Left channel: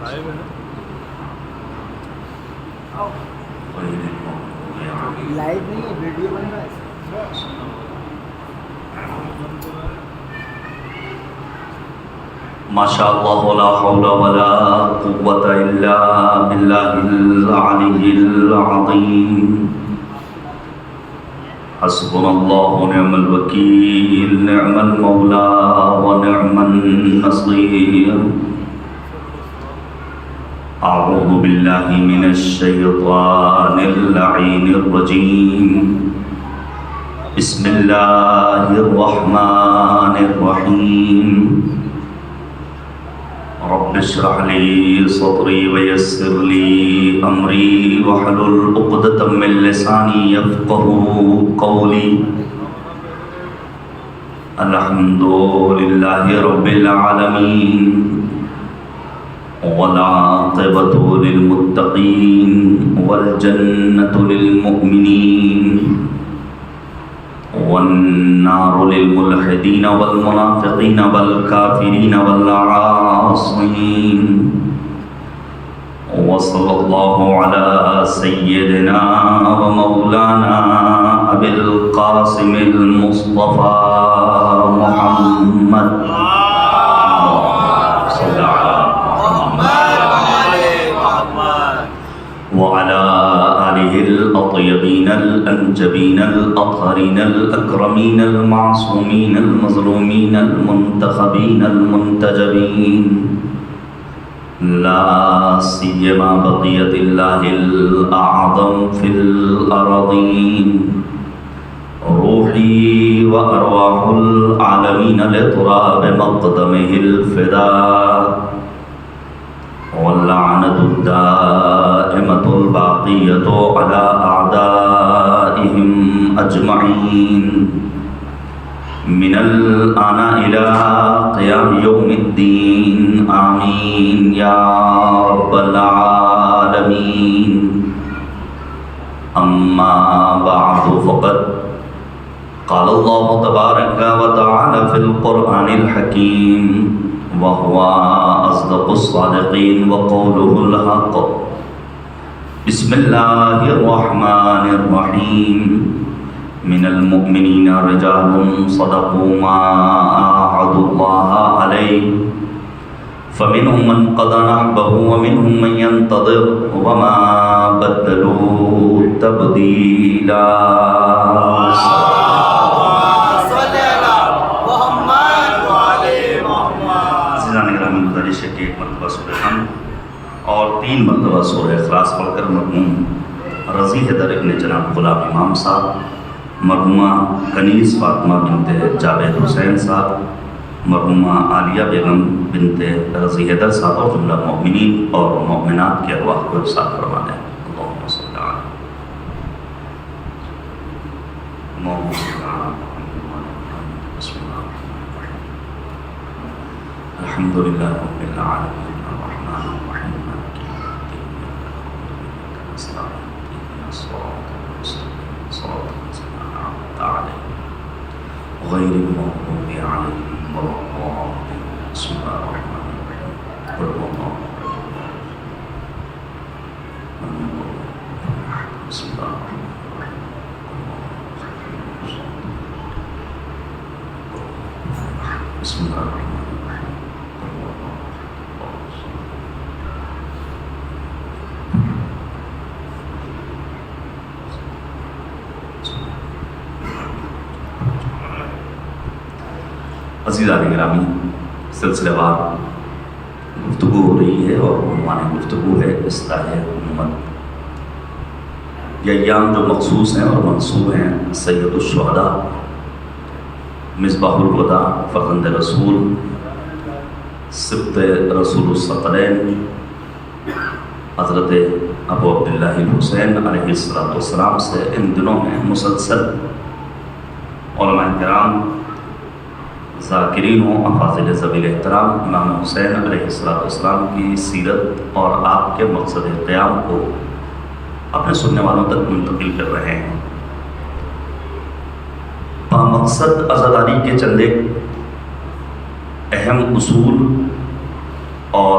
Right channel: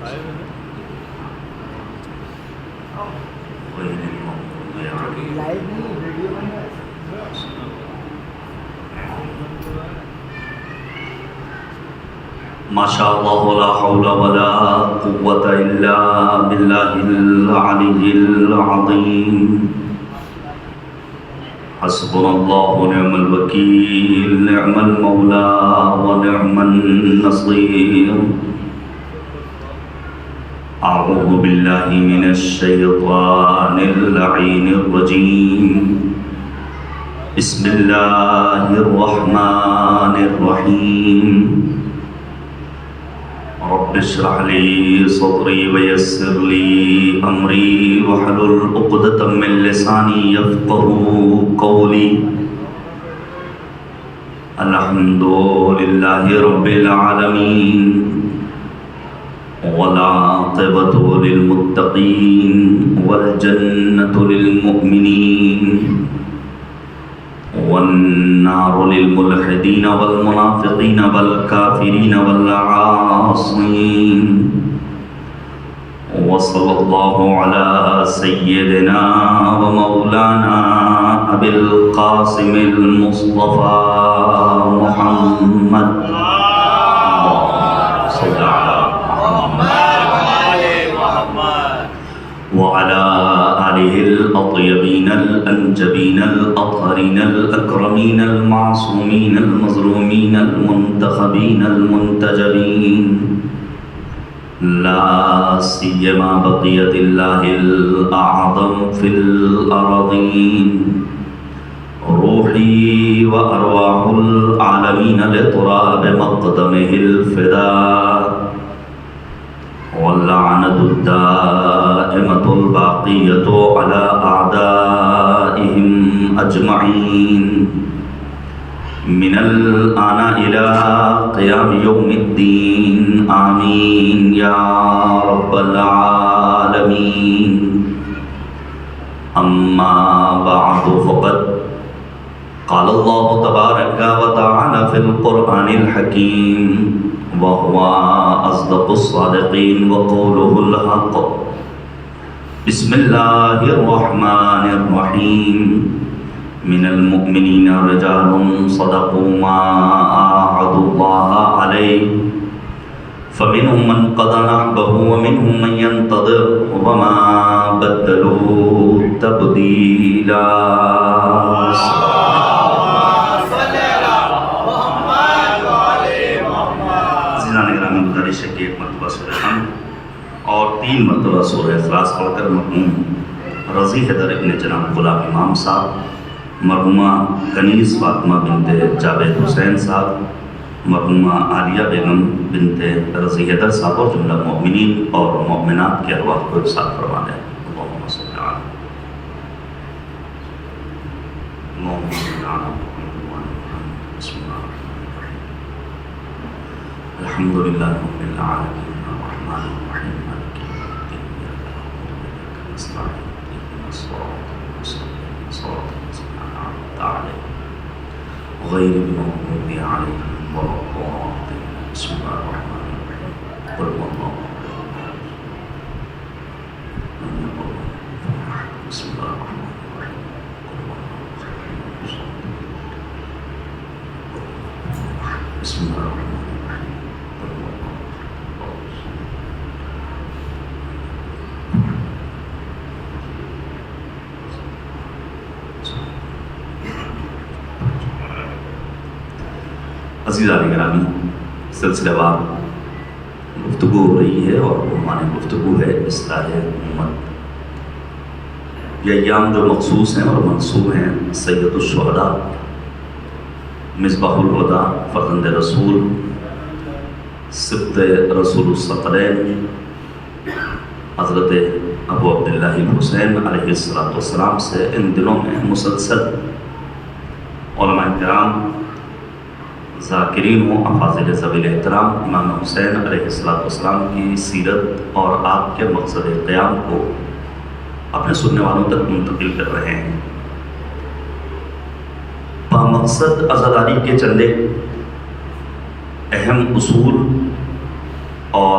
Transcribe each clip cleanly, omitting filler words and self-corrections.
Live نہیں ہے، video بن رہا ہے. ماشاء اللہ لا حول ولا قوة الا باللہ العلی العظیم. حسبنا اللہ ونعم الوکیل، نعم المولا ونعم النصیر. اعوذ باللہ من الشیطان اللعین الرجیم. بسم اللہ الرحمن الرحیم. رب اشرح لي صدري ويسر لي امري واحلل عقدة من لساني يفقهوا قولي. الحمد لله رب العالمين والعاقبة للمتقين والجنة للمؤمنين والنار للملحدين والمنافقين والكافرين والعاصين. وصلى الله على سيدنا ومولانا أبي القاسم المصطفى محمد صلى على وعلى آله الأطيبين الأنجبين الأطهرين الأكرمين المعصومين المظلومين المنتخبين المنتجبين، لا سيما بقية الله الأعظم في الأرضين. روحي وأرواح العالمين لتراب مقدمه الفداء، واللعنة الدائمة الباقية على أعدائهم أجمعين من الآن إلى قيام يوم الدين. آمين يا رب العالمين. أما بعد فقد قال الله تبارك وتعالى في القرآن الحكيم وهو أصدق الصادقين وقوله الحق. بسم الله الرحمن الرحيم. من المؤمنين رجال صدقوا ما عاهدوا الله عليه فمنهم من قضى نحبه ومنهم من ينتظر وما بدلوا تبديلا. گزارش ہے کہ ایک مرتبہ سورہ حمد اور 3 مرتبہ سورہ اخلاص پڑھ کر مرحوم رضی حیدر ابن جناب غلام امام صاحب، مرحومہ کنیز فاطمہ بنت جاوید حسین صاحب، مرحومہ عالیہ بیگم بنت رضی حیدر صاحب اور جملہ مؤمنین اور مؤمنات کے ارواح کو ارسال کروا دیں. اللہم صلی علی محمد الحمد للہ رب العالمین الرحمن الرحیم مالک یوم الدین إياك نستعين اهدنا الصراط المستقيم صراط الذين أنعمت عليهم غير المغضوب عليهم ولا الضالين. بسم الله الرحمن الرحيم. قل هو الله لم يكن له كفوا أحد. بسم الله الرحمن الرحيم. بسم الله الرحمن الرحيم. عزیزان گرامی، سلسلہ وار گفتگو ہو رہی ہے اور عنوان گفتگو ہے اصلاح امت. یہ ایام جو مخصوص ہیں اور منصوب ہیں سید الشہداء، مصباح الہدیٰ، فرزند رسول، سبط رسول الثقلین حضرت ابو عبداللہ الحسین علیہ السلام سے ان دنوں میں مسلسل علماء کرام، ذاکرین و افاضل ذوی احترام امام حسین علیہ السلام کی سیرت اور آپ کے مقصد قیام کو اپنے سننے والوں تک منتقل کر رہے ہیں. مقصد عزاداری کے چند ایک اہم اصول اور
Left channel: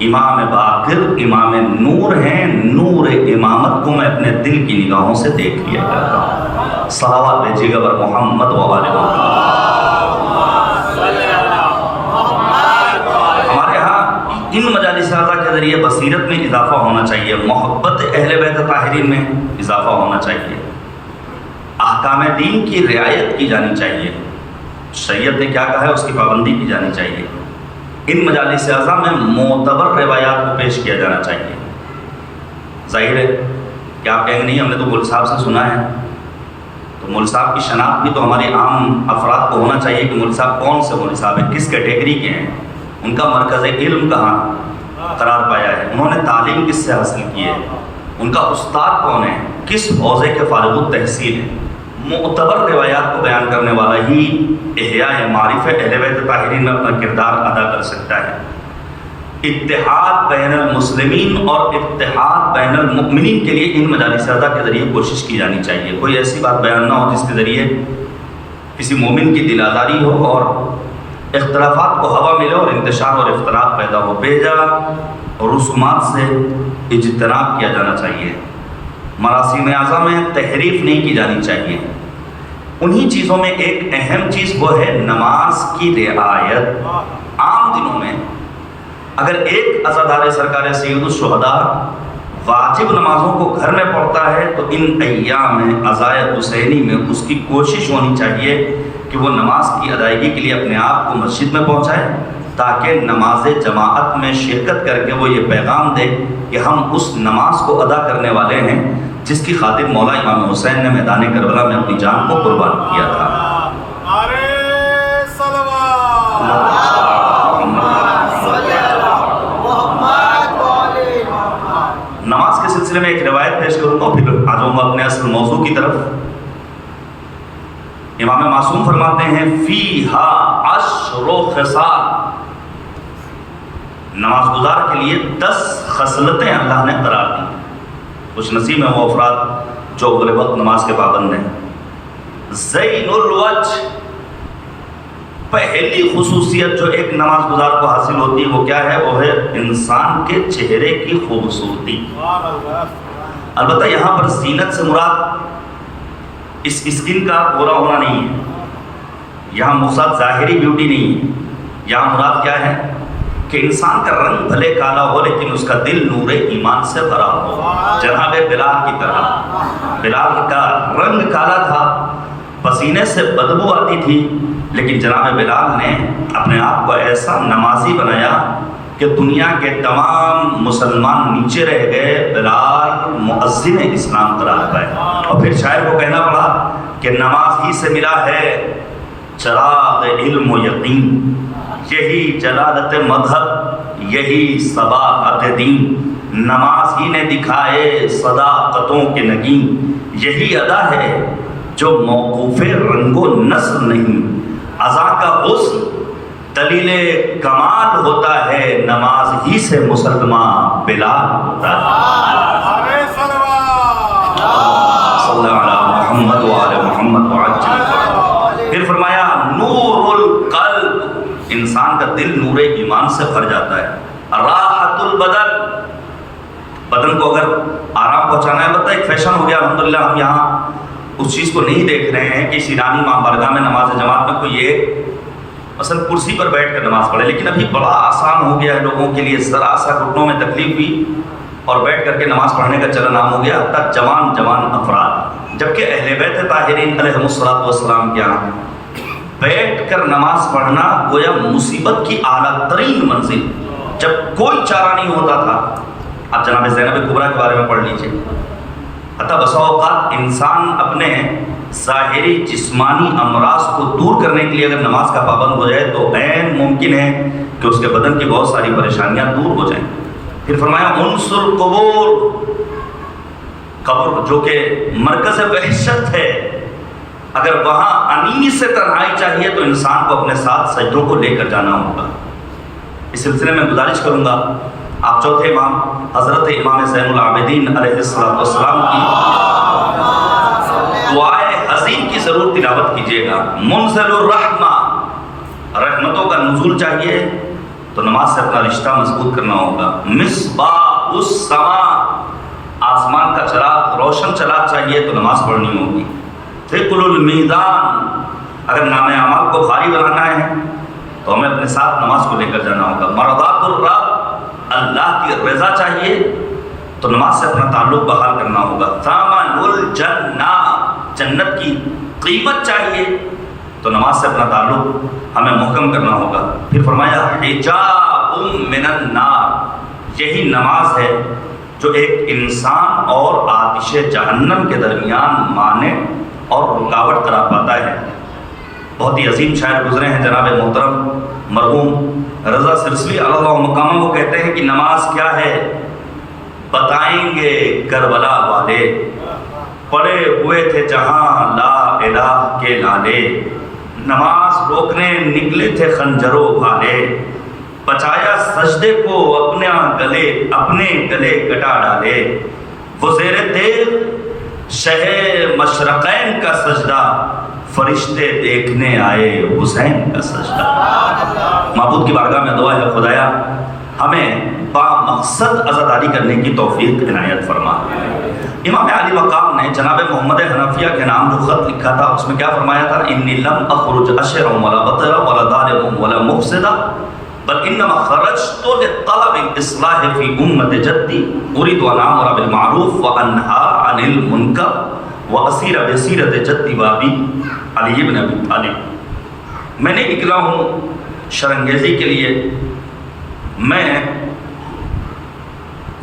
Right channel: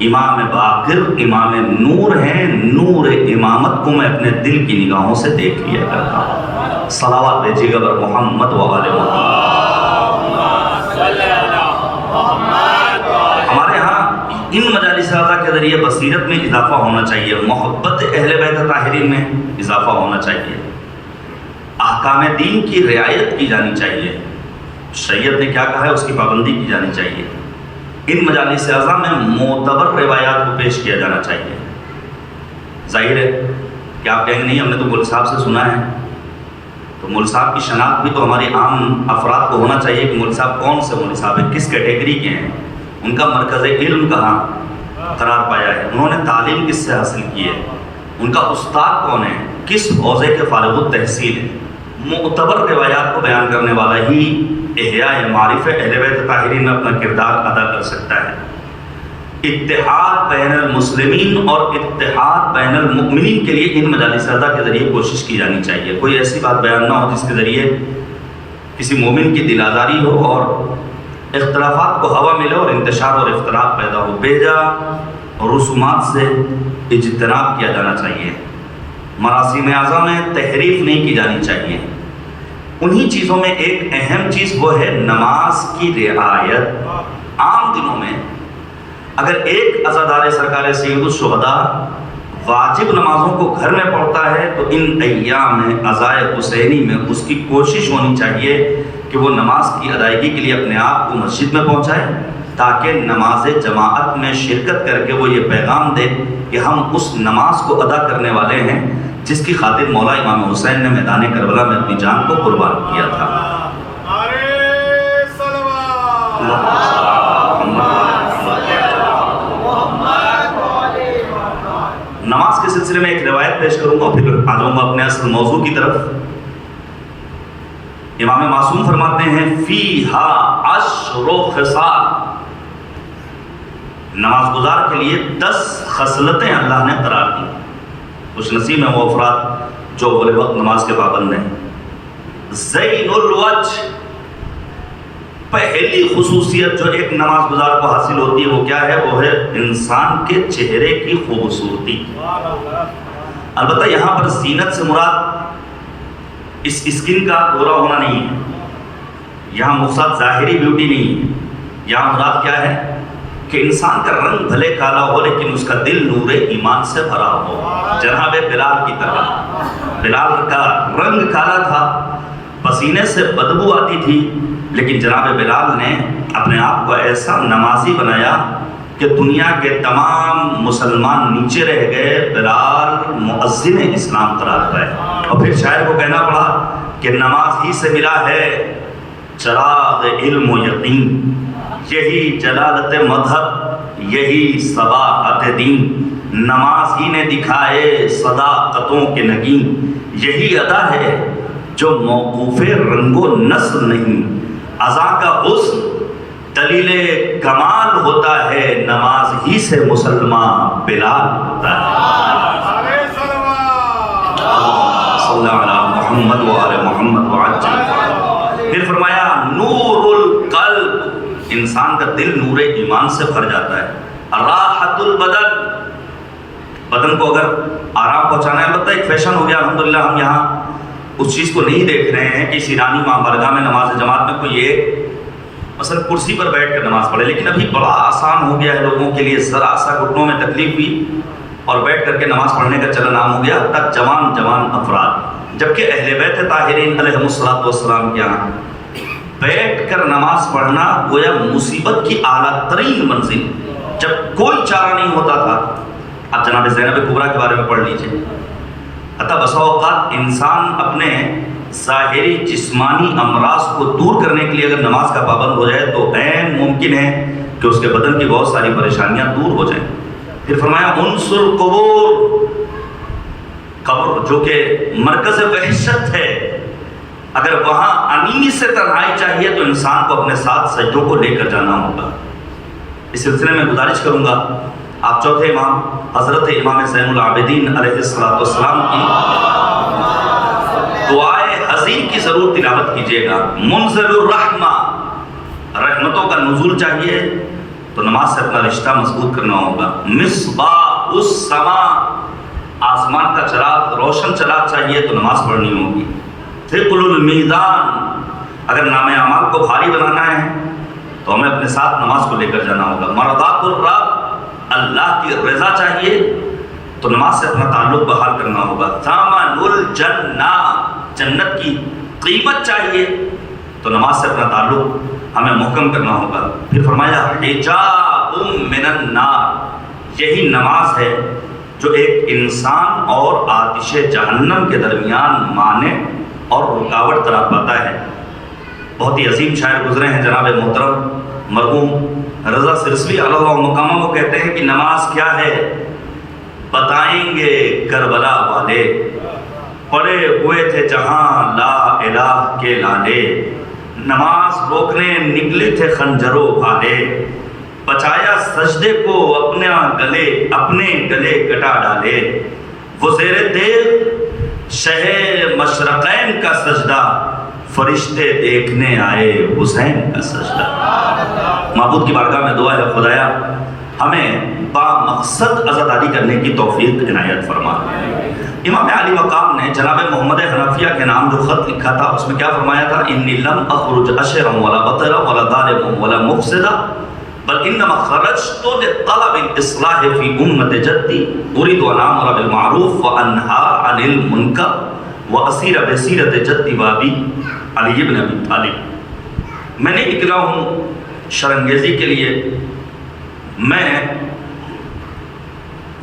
امام باقر امام نور ہیں، نور امامت کو میں اپنے دل کی نگاہوں سے دیکھ لیا کرتا ہوں۔ صلوات بھیجیے گا بر محمد و آل محمد۔ ہمارے ہاں ان مجالس رضا کے ذریعے بصیرت میں اضافہ ہونا چاہیے، محبت اہل بیت طاہرین میں اضافہ ہونا چاہیے، احکام دین کی رعایت کی جانی چاہیے، شریعت نے کیا کہا ہے اس کی پابندی کی جانی چاہیے۔ ان مجالس اعظم میں معتبر روایات کو پیش کیا جانا چاہیے۔ ظاہر ہے کہ آپ کہیں گے نہیں ہم نے تو مول صاحب سے سنا ہے، تو مول صاحب کی شناخت بھی تو ہمارے عام افراد کو ہونا چاہیے کہ مول صاحب کون سے مول صاحب ہیں، کس کیٹیگری کے ہیں، ان کا مرکز علم کہاں قرار پایا ہے، انہوں نے تعلیم کس سے حاصل کی ہے، ان کا استاد کون ہے، کس حوزے کے فارغ التحصیل ہے۔ معتبر روایات کو بیان کرنے والا ہی احیاء معارف اہل بیت طاہرین میں اپنا کردار ادا کر سکتا ہے۔ اتحاد بین المسلمین اور اتحاد بین المؤمنین کے لیے ان مجالس رضا کے ذریعے کوشش کی جانی چاہیے۔ کوئی ایسی بات بیان نہ ہو جس کے ذریعے کسی مومن کی دل آزاری ہو اور اختلافات کو ہوا ملے اور انتشار اور اختلاف پیدا ہو۔ بیجا رسومات سے اجتناب کیا جانا چاہیے، مراسم اعظم میں تحریف نہیں کی جانی چاہیے۔ انہی چیزوں میں ایک اہم چیز وہ ہے نماز کی رعایت۔ عام دنوں میں اگر ایک عزادار سرکار سید الشہداء واجب نمازوں کو گھر میں پڑھتا ہے تو ان ایام میں عزائے حسینی میں اس کی کوشش ہونی چاہیے کہ وہ نماز کی ادائیگی کے لیے اپنے آپ کو مسجد میں پہنچائے تاکہ نماز جماعت میں شرکت کر کے وہ یہ پیغام دے کہ ہم اس نماز کو ادا کرنے والے ہیں جس کی خاطر مولا امام حسین نے میدان کربلا میں اپنی جان کو قربان کیا تھا۔ نماز کے سلسلے میں ایک روایت پیش کروں گا، پھر آ جاؤں گا اپنے اصل موضوع کی طرف۔ امام معصوم فرماتے ہیں فیہا 10 خصال، نماز گزار کے لیے 10 خصلتیں اللہ نے قرار دی۔ خوش نصیب ہیں وہ افراد جو اول وقت نماز کے پابند ہیں۔ زین الوجہ، پہلی خصوصیت جو ایک نماز گزار کو حاصل ہوتی ہے وہ کیا ہے؟ وہ ہے انسان کے چہرے کی خوبصورتی۔ البتہ یہاں پر زینت سے مراد اس اسکن کا گورا ہونا نہیں ہے، یہاں مقصد ظاہری بیوٹی نہیں ہے، یہاں مراد کیا ہے کہ انسان کا رنگ بھلے کالا ہو لیکن اس کا دل نور ایمان سے بھرا ہو۔ جناب بلال کی طرح، بلال کا رنگ کالا تھا، پسینے سے بدبو آتی تھی، لیکن جناب بلال نے اپنے آپ کو ایسا نمازی بنایا کہ دنیا کے تمام مسلمان نیچے رہ گئے، بلال مؤذن اسلام قرار پائے۔ اور پھر شاعر کو کہنا پڑا کہ نماز ہی سے ملا ہے چراغ علم و یقین، یہی جلالت مذہب، یہی صباحت دین، نماز ہی نے دکھائے صداقتوں کے نگین، یہی ادا ہے جو موقوف رنگ و نسل نہیں، عزا کا حسن دلیل کمال ہوتا ہے، نماز ہی سے مسلمان بلال ہوتا ہے۔ صلی اللہ علیہ محمد و آل محمد وعجل۔ پھر فرمایا نور القلب، انسان کا دل نور ایمان سے بھر جاتا ہے۔ راحت البدن، بدن کو اگر آرام پہنچانا ہے، البتہ ایک فیشن ہو گیا الحمدللہ، ہم یہاں اس چیز کو نہیں دیکھ رہے ہیں کہ اس ایرانی ماں برگاہ میں نماز جماعت میں کوئی یہ مثلا کرسی پر بیٹھ کر نماز پڑھے، لیکن ابھی بڑا آسان ہو گیا ہے لوگوں کے لیے، ذرا سا گھٹنوں میں تکلیف ہوئی اور بیٹھ کر کے نماز پڑھنے کا چلن عام ہو گیا، حتیٰ جوان افراد، جبکہ اہل بیت طاہرین علیہ السلام کے یہاں بیٹھ کر نماز پڑھنا گویا مصیبت کی اعلیٰ ترین منزل، جب کوئی چارہ نہیں ہوتا تھا۔ آپ جناب زینب کبریٰ کے بارے میں پڑھ لیجئے، حتیٰ بسا اوقات انسان اپنے ظاہری جسمانی امراض کو دور کرنے کے لیے اگر نماز کا پابند ہو جائے تو عین ممکن ہے کہ اس کے بدن کی بہت ساری پریشانیاں دور ہو جائیں۔ پھر فرمایا انصر قبور، قبر جو کہ مرکز وحشت ہے، اگر وہاں انیس سے تنہائی چاہیے تو انسان کو اپنے ساتھ سجدوں کو لے کر جانا ہوگا۔ اس سلسلے میں گزارش کروں گا آپ چوتھے امام حضرت امام زین العابدین علیہ السلام کی دعائے حزین کی ضرور تلاوت کیجیے گا۔ منزل الرحمہ، رحمتوں کا نزول چاہیے، تو نماز سے اپنا رشتہ مضبوط کرنا ہوگا۔ مصباح السما، آسمان کا چراغ، روشن چراغ چاہیے تو نماز پڑھنی ہوگی۔ ثقل المیزان، اگر نام اعمال کو بھاری بنانا ہے تو ہمیں اپنے ساتھ نماز کو لے کر جانا ہوگا۔ مرضات الرب، اللہ کی رضا چاہیے تو نماز سے اپنا تعلق بحال کرنا ہوگا۔ ثمن الجنہ، جنت کی قیمت چاہیے تو نماز سے اپنا تعلق ہمیں محکم کرنا ہوگا۔ پھر فرمایا حجاب من النار، یہی نماز ہے جو ایک انسان اور آتش جہنم کے درمیان مانع اور رکاوٹ قرار پاتا ہے۔ بہت ہی عظیم شاعر گزرے ہیں جناب محترم مرحوم رضا سرسوی علی اللہ مقامہ، وہ کہتے ہیں کہ نماز کیا ہے بتائیں گے کربلا والے، پڑے ہوئے تھے جہاں لا الہ کے لالے، نماز روکنے نکلے تھے خنجر و بھالے، بچایا سجدے کو اپنے گلے کٹا ڈالے، وہ زیر تیغ شہ مشرقین کا سجدہ، فرشتے دیکھنے آئے حسین کا سجدہ۔ معبود کی بارگاہ میں دعا ہے خدایا ہمیں با مقصد عزاداری کرنے کی توفیق عنایت فرما۔ امام علی مقام نے جناب محمد حنفیہ کے نام جو خط لکھا تھا اس میں کیا فرمایا تھا؟ انی لم اخرج اشرا ولا بطرا ولا ظالما ولا مفسدا بل انما خرجت لطلب الاصلاح فی امت جدی اريد ان امر بالمعروف وانهى عن المنکر واسیر بسیرت جدی بابی علی بن ابی طالب۔ میں نے نکلا ہوں شرنگیزی کے لیے، میں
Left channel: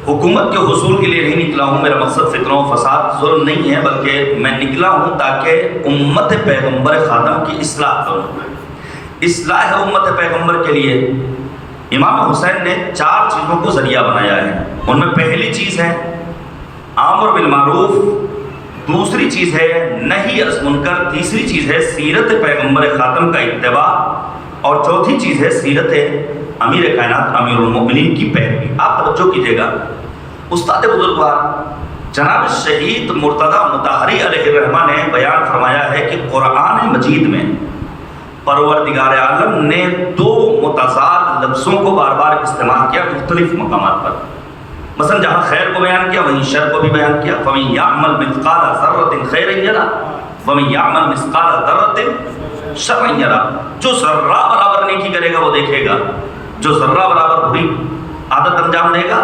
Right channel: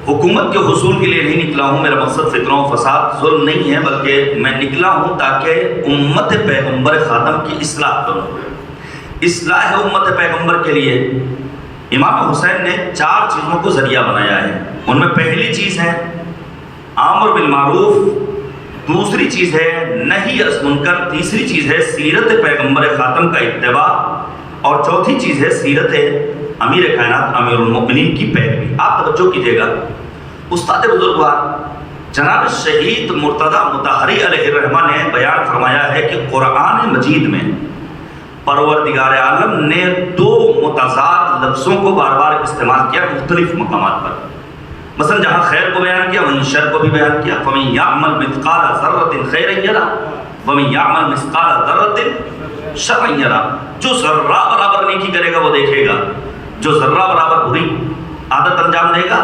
حکومت کے حصول کے لیے نہیں نکلا ہوں، میرا مقصد فتنہ و فساد ظلم نہیں ہے، بلکہ میں نکلا ہوں تاکہ امت پیغمبر خاتم کی اصلاح کروں۔ اصلاح امت پیغمبر کے لیے امام حسین نے 4 چیزوں کو ذریعہ بنایا ہے۔ ان میں پہلی چیز ہے امر بالمعروف، دوسری چیز ہے نہی از منکر، تیسری چیز ہے سیرت پیغمبر خاتم کا اتباع، اور چوتھی چیز ہے سیرت امیر کائنات امیر المؤمنین کی پیروی۔ آپ توجہ کیجئے گا، استاد بزرگوار جناب شہید مرتضی مطہری علیہ الرحمہ نے بیان فرمایا ہے کہ قرآن مجید میں پروردگار عالم نے 2 متضاد لفظوں کو بار بار استعمال کیا مختلف مقامات پر۔ مثلا جہاں خیر کو بیان کیا وہیں شر کو بھی بیان کیا۔ فَمَن يَعْمَلْ مِثْقَالَ ذَرَّةٍ خَيْرًا يَرَهُ وَمَن يَعْمَلْ مِثْقَالَ ذَرَّةٍ شَرًّا يَرَهُ، جو ذرہ برابر نیکی کرے گا وہ دیکھے گا، جو ذرہ برابر بری عادت انجام دے گا،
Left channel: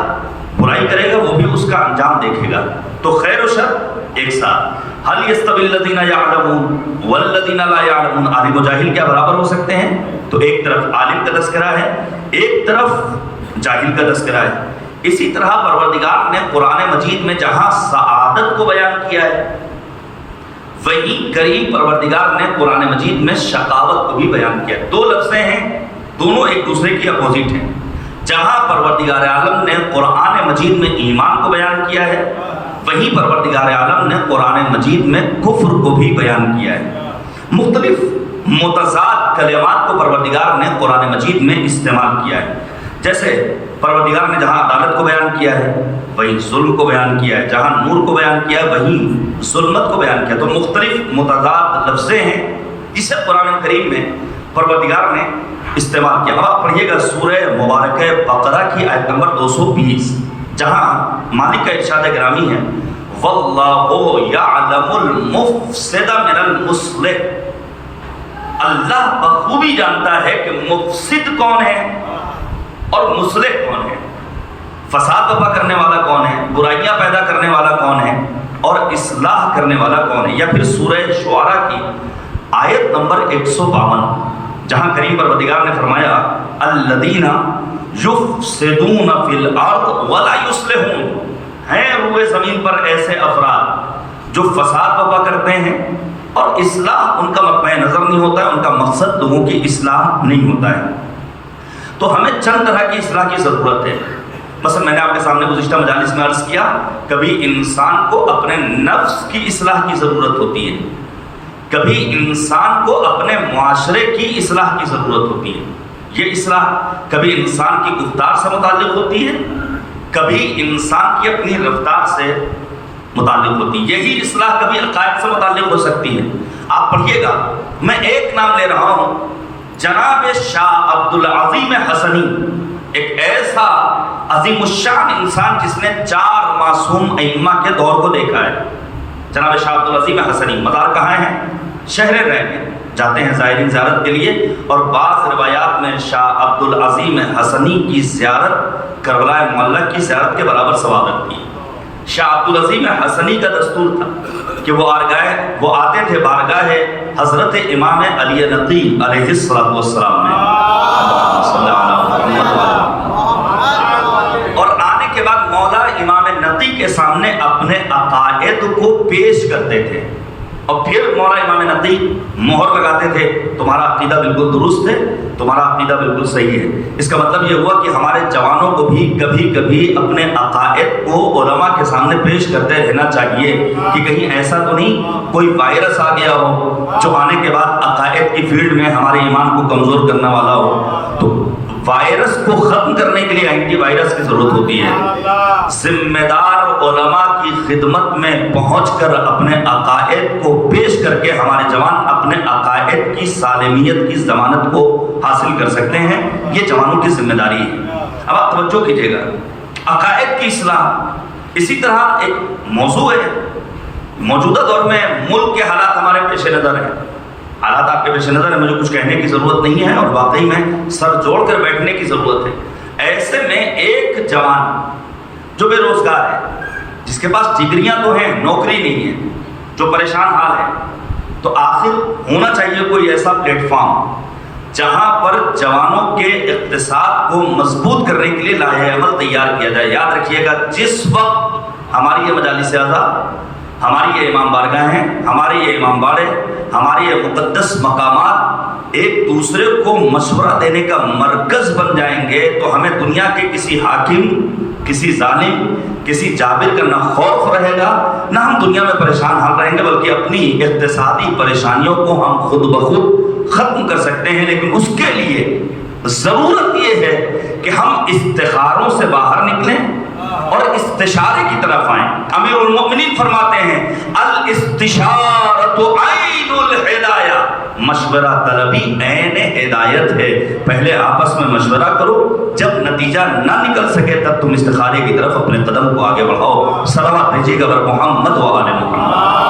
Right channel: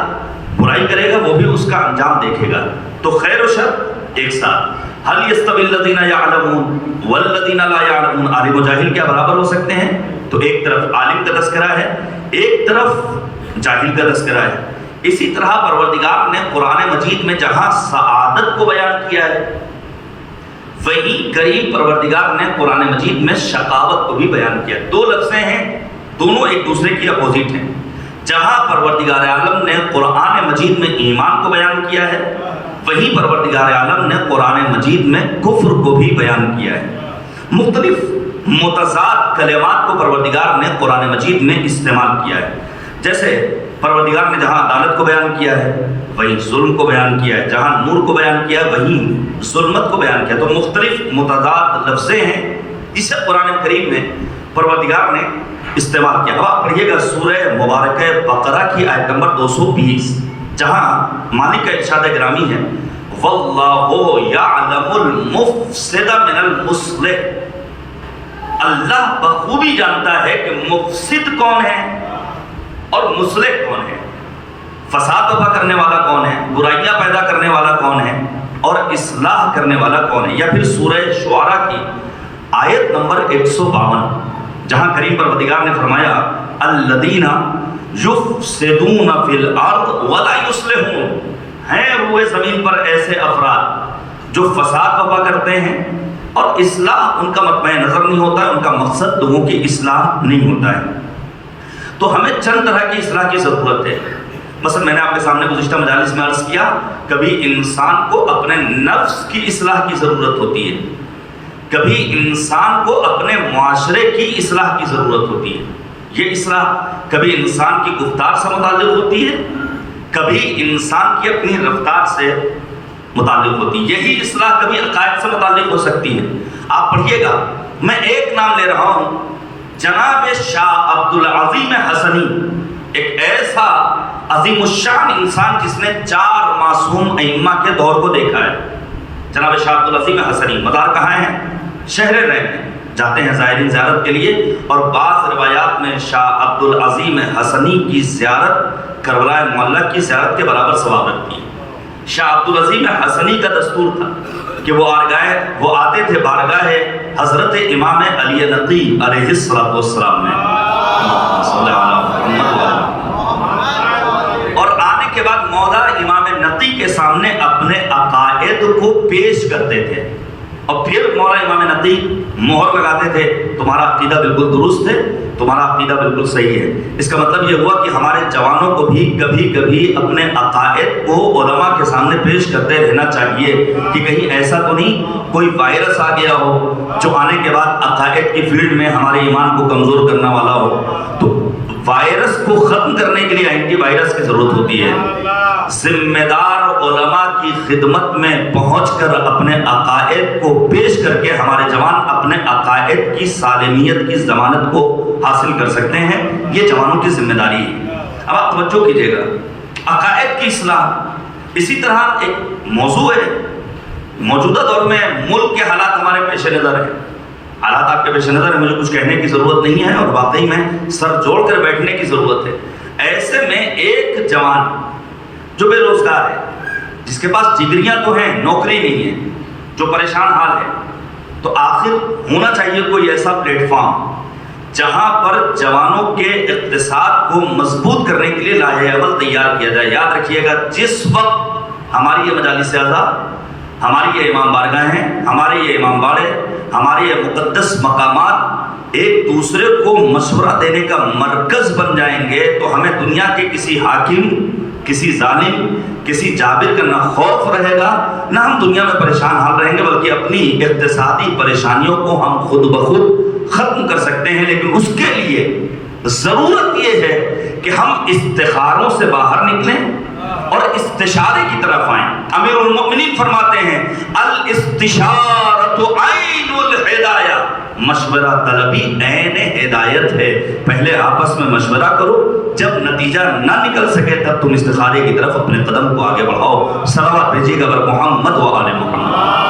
برائی کرے گا، وہ بھی اس کا انجام دیکھے گا۔ تو خیر و شر ایک ساتھ۔ هل يستوي الذين يعلمون والذين لا يعلمون، عالم و جاہل کیا برابر ہو سکتے ہیں؟ تو ایک طرف عالم کا تذکرہ ہے، ایک طرف جاہل کا تذکرہ ہے۔ اسی طرح پروردگار نے قرآن مجید میں جہاں سعادت کو بیان کیا ہے، وہیں کریم پروردگار نے قرآن مجید میں شقاوت کو بھی بیان کیا۔ 2 لفظیں ہیں، دونوں ایک دوسرے کی اپوزٹ ہیں۔ جہاں پروردگار عالم نے قرآن مجید میں ایمان کو بیان کیا ہے، وہیں پروردگار عالم نے قرآن مجید میں کفر کو بھی بیان کیا ہے۔ مختلف متضاد کلمات کو پروردگار نے قرآن مجید میں استعمال کیا ہے۔ جیسے پروردگار نے جہاں عدالت کو بیان کیا ہے وہیں ظلم کو بیان کیا ہے، جہاں نور کو بیان کیا ہے وہیں ظلمت کو بیان کیا۔ تو مختلف متضاد لفظیں ہیں جسے قرآن کریم میں پروردگار نے استعمال کیا۔ اب آپ پڑھیے گا سورہ مبارکہ بقرہ کی آیت نمبر 220، جہاں مالک کا ارشاد گرامی ہے واللہ یعلم المفسد من المصلح، اللہ بخوبی جانتا ہے کہ مفسد کون ہے اور مصلح کون ہے، فساد برپا کرنے والا کون ہے، برائیاں پیدا کرنے والا کون ہے اور اصلاح کرنے والا کون ہے۔ یا پھر سورہ شعراء کی آیت نمبر 152، جہاں کریم پروردگار نے فرمایا الذین یفسدون فی الارض ولا یصلحون، ہیں روئے زمین پر ایسے افراد جو فساد برپا کرتے ہیں اور اصلاح ان کا مطمع نظر نہیں ہوتا ہے، ان کا مقصد لوگوں کی اصلاح نہیں ہوتا ہے۔ تو ہمیں چند طرح کی اصلاح کی ضرورت ہے۔ مثلا میں نے آپ کے سامنے گزشتہ مجالس میں عرض کیا، کبھی انسان کو اپنے نفس کی اصلاح کی ضرورت ہوتی ہے، کبھی انسان کو اپنے معاشرے کی اصلاح کی ضرورت ہوتی ہے۔ یہ اصلاح کبھی انسان کی گفتار سے متعلق ہوتی ہے، کبھی انسان کی اپنی رفتار سے متعلق ہوتی ہے۔ یہی اصلاح کبھی عقائد سے متعلق ہو سکتی ہے۔ آپ پڑھیے گا، میں ایک نام لے رہا ہوں، جناب شاہ عبدالعظیم حسنی ایک ایسا عظیم الشان انسان جس نے 4 معصوم ائمہ کے دور کو دیکھا ہے. جناب شاہ عبدالعظیم حسنی مدار کہاں ہیں؟ شہر رہ میں جاتے ہیں زائرین زیارت کے لیے، اور بعض روایات میں شاہ عبدالعظیم حسنی کی زیارت کربلا معلیٰ کی زیارت کے برابر ثواب رکھتی ہے. شاہ عبدالعظیم حسنی کا دستور تھا کہ وہ آتے تھے بارگاہ حضرت امام علی نقی علیہ السلام میں، اور آنے کے بعد مولا امام نقی کے سامنے اپنے عقائد کو پیش کرتے تھے، اور پھر مولا امام نقی مہر لگاتے تھے تمہارا عقیدہ بالکل درست ہے، تمہارا عقیدہ بالکل صحیح ہے. اس کا مطلب یہ ہوا کہ ہمارے جوانوں کو بھی کبھی کبھی اپنے عقائد کو علماء کے سامنے پیش کرتے رہنا چاہیے کہ کہیں ایسا تو نہیں کوئی وائرس آ گیا ہو جو آنے کے بعد عقائد کی فیلڈ میں ہمارے ایمان کو کمزور کرنے والا ہو. تو وائرس کو ختم کرنے کے لیے اینٹی وائرس کی ضرورت ہوتی ہے. ذمہ دار علماء کی خدمت میں پہنچ کر اپنے عقائد کو پیش کر کے ہمارے جوان اپنے عقائد کی سالمیت کی ضمانت کو حاصل کر سکتے ہیں. یہ جوانوں کی ذمہ داری ہے. اب آپ توجہ کیجیے گا، عقائد کی اصلاح اسی طرح ایک موضوع ہے. موجودہ دور میں ملک کے حالات ہمارے پیش نظر ہیں، حالات آپ کے پیش نظر ہیں، مجھے کچھ کہنے کی ضرورت نہیں ہے، اور واقعی میں سر جوڑ کر بیٹھنے کی ضرورت ہے. ایسے میں ایک جوان جو بے روزگار ہے، جس کے پاس ڈگریاں تو ہیں، نوکری نہیں ہے، جو پریشان حال ہے، تو آخر ہونا چاہیے کوئی ایسا پلیٹ فارم جہاں پر جوانوں کے اقتصاد کو مضبوط کرنے کے لیے لائحہ عمل تیار کیا جائے. یاد رکھیے گا، جس وقت ہماری یہ مجالس اعلیٰ، ہماری یہ امام بارگاہ ہیں، ہمارے یہ امام باڑے، ہمارے یہ مقدس مقامات ایک دوسرے کو مشورہ دینے کا مرکز بن جائیں گے، تو ہمیں دنیا کے کسی حاکم، کسی ظالم، کسی جابر کا نہ خوف رہے گا، نہ ہم دنیا میں پریشان حال رہیں گے، بلکہ اپنی اقتصادی پریشانیوں کو ہم خود بخود ختم کر سکتے ہیں. لیکن اس کے لیے ضرورت یہ ہے کہ ہم استخاروں سے باہر نکلیں اور استشارے کی طرف آئیں. امیر المؤمنین فرماتے ہیں الاستشارۃ عین الہدایہ، مشورہ طلبی عین ہدایت ہے. پہلے آپس میں مشورہ کرو، جب نتیجہ نہ نکل سکے تب تم استخارے کی طرف اپنے قدم کو آگے بڑھاؤ. صلوات بھیجیے گا بر محمد و آل محمد.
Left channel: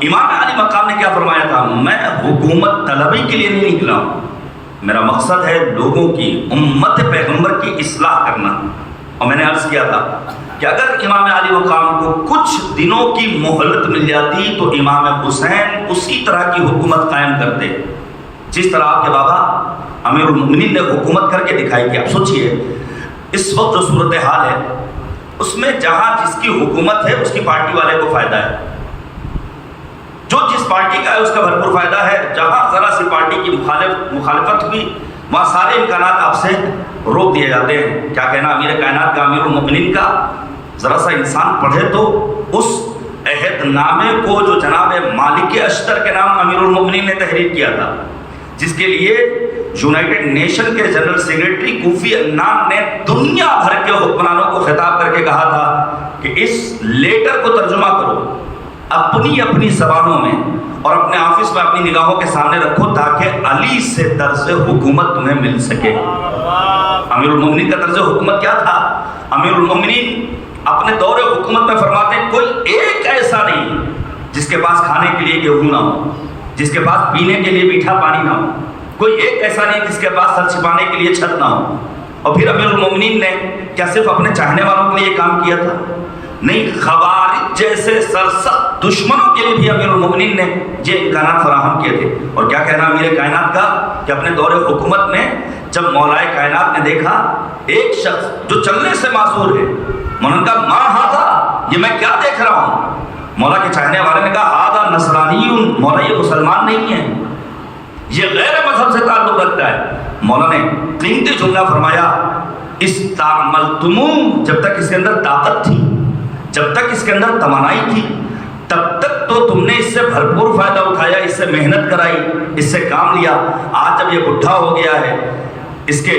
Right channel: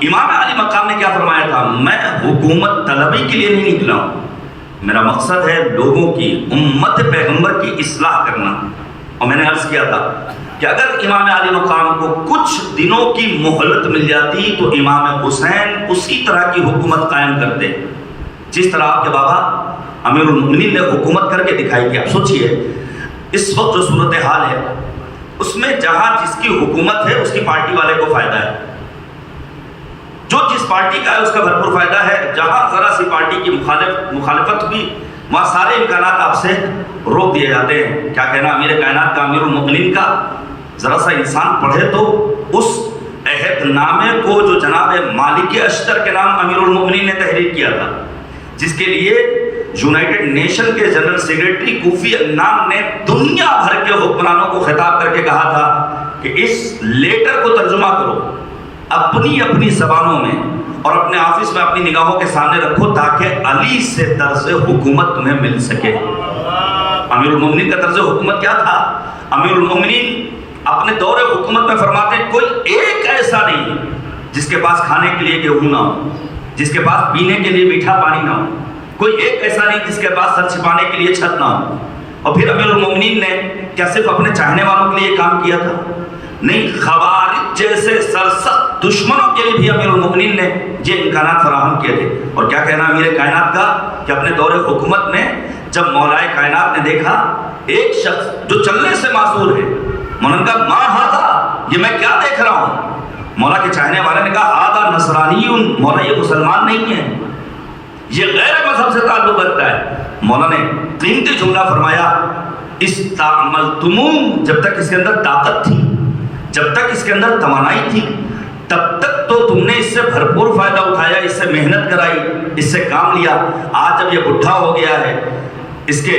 امام علی مقام نے کیا فرمایا تھا؟ میں حکومت طلبی کے لیے نہیں نکلا ہوں، میرا مقصد ہے لوگوں کی، امت پیغمبر کی اصلاح کرنا. اور میں نے عرض کیا تھا کہ اگر امام علی مقام کو کچھ دنوں کی مہلت مل جاتی تو امام حسین اسی طرح کی حکومت قائم کرتے جس طرح آپ کے بابا امیر المؤمنین نے حکومت کر کے دکھائی تھی. آپ سوچئے اس وقت جو صورتحال ہے اس میں جہاں جس کی حکومت ہے اس کی پارٹی والے کو فائدہ ہے، جو جس پارٹی کا ہے اس کا بھرپور فائدہ ہے. جہاں ذرا سی پارٹی کی مخالفت ہوئی وہاں سارے امکانات آپ سے روک دیے جاتے ہیں. کیا کہنا امیر کائنات کا، امیر المؤمنین کا. ذرا سا انسان پڑھے تو اس عہد نامے کو جو جناب مالک اشتر کے نام امیر المؤمنین نے تحریر کیا تھا، جس کے لیے یونائٹڈ نیشن کے جنرل سیکریٹری کوفی عنان نے دنیا بھر کے حکمرانوں کو خطاب کر کے کہا تھا کہ اس لیٹر کو ترجمہ کرو اپنی اپنی زبانوں میں اور اپنے آفس میں اپنی نگاہوں کے سامنے رکھو تاکہ علی سے طرز حکومت تمہیں مل سکے. امیر المؤمنین کا طرز حکومت کیا تھا؟ امیر المؤمنین اپنے دور حکومت میں فرماتے ہیں کوئی ایک ایسا نہیں جس کے پاس کھانے کے لیے گیہوں نہ ہو، جس کے پاس پینے کے لیے میٹھا پانی نہ ہو، کوئی ایک ایسا نہیں جس کے پاس سر چھپانے کے لیے چھت نہ ہو. اور پھر امیر المؤمنین نے کیا صرف اپنے چاہنے والوں کے لیے کام کیا تھا؟ نہیں، خوارج جیسے سرسخت دشمنوں کے لیے بھی امیر المؤمنین نے یہ امکانات فراہم کیے تھے. اور کیا کہنا امیر کائنات کا کہ اپنے دور حکومت میں جب مولائے کائنات نے دیکھا ایک شخص جو چلنے سے معذور ہے، انہوں نے کہا ما ہذا، یہ میں کیا دیکھ رہا ہوں؟ مولا کے چاہنے والے نے کہا ھذا نصرانی، مولا یہ مسلمان نہیں ہے، یہ غیر مذہب سے تعلق رکھتا ہے. مولا نے قیمتی جملہ فرمایا استعملتموہ، جب تک اس کے اندر طاقت تھی، جب تک اس کے اندر توانائی تھی، تب تک تو تم نے اس سے بھرپور فائدہ اٹھایا، اس سے محنت کرائی، اس سے کام لیا. آج جب یہ بڈھا ہو گیا ہے، اس کے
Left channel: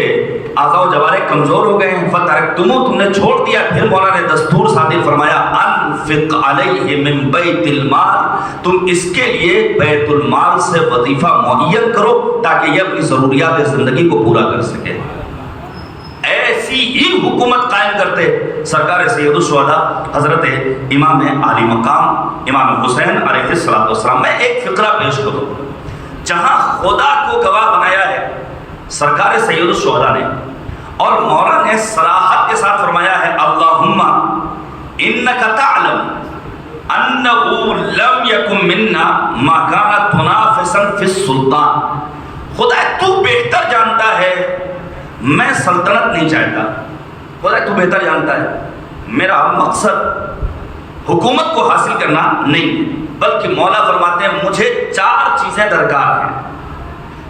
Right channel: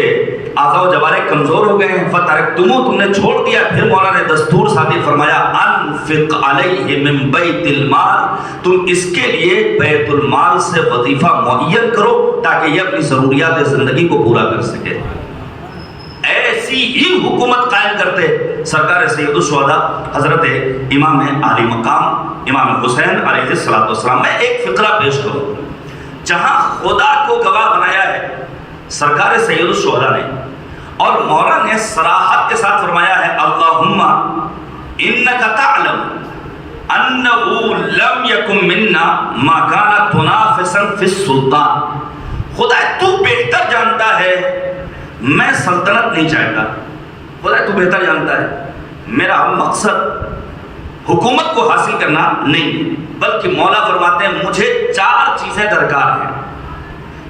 اعضاء و جوارح کمزور ہو گئے ہیں، فترکتمو، تم نے چھوڑ دیا۔ پھر مولا نے دستور صادر فرمایا انفق علیہ من بیت المال، تم اس کے لیے بیت المال سے وظیفہ معین کرو تاکہ یہ اپنی ضروریات زندگی کو پورا کر سکے۔ ایسی ہی حکومت قائم کرتے سرکار سید الشہداء حضرت امام عالی مقام امام حسین علیہ السلام۔ میں ایک فقرہ پیش کروں، جہاں خدا کو گواہ بنایا ہے سرکار سید الشہداء نے، اور مولا نے صراحت کے ساتھ فرمایا ہے اللہم انک تعلم انہ لم یکن منا ما کان تنافسا فی السلطان، خدا تو بہتر جانتا ہے میں سلطنت نہیں چاہتا، خدا تو بہتر جانتا ہے میرا مقصد حکومت کو حاصل کرنا نہیں، بلکہ مولا فرماتے ہیں مجھے 4 چیزیں درکار ہیں۔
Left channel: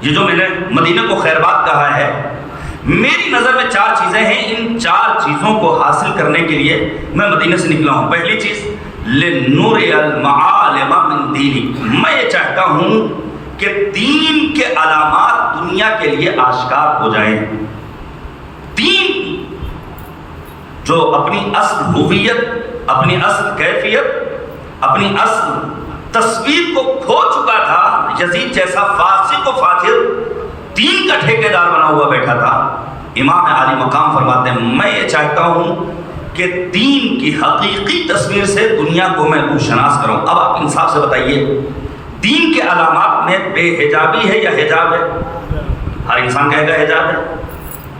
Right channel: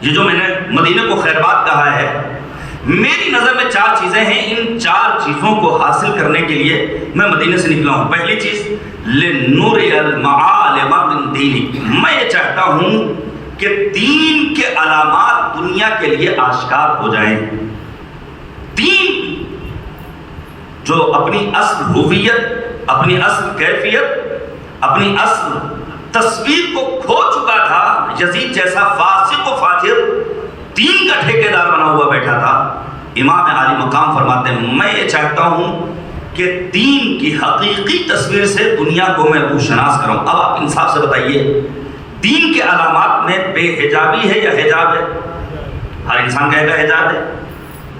یہ جو میں نے مدینے کو خیرباد کہا ہے، میری نظر میں 4 چیزیں ہیں، ان 4 چیزوں کو حاصل کرنے کے لیے میں مدینے سے نکلا ہوں۔ پہلی چیز لِنُرِيَ الْمَعَالِمَ مِن دِينِكَ، میں یہ چاہتا ہوں کہ دین کے علامات دنیا کے لیے آشکار ہو جائیں۔ دین جو اپنی اصل ہویت، اپنی اصل کیفیت، اپنی اصل تصویر کو کھو چکا تھا، یزید جیسا فاسق و فاجر دین کا ٹھیکیدار بنا ہوا بیٹھا تھا، امام عالی مقام فرماتے ہیں میں یہ چاہتا ہوں کہ دین کی حقیقی تصویر سے دنیا کو میں روشناس کروں۔ اب آپ انصاف سے بتائیے، دین کے علامات میں بے حجابی ہے یا حجاب ہے؟ ہر انسان کہے گا حجاب ہے۔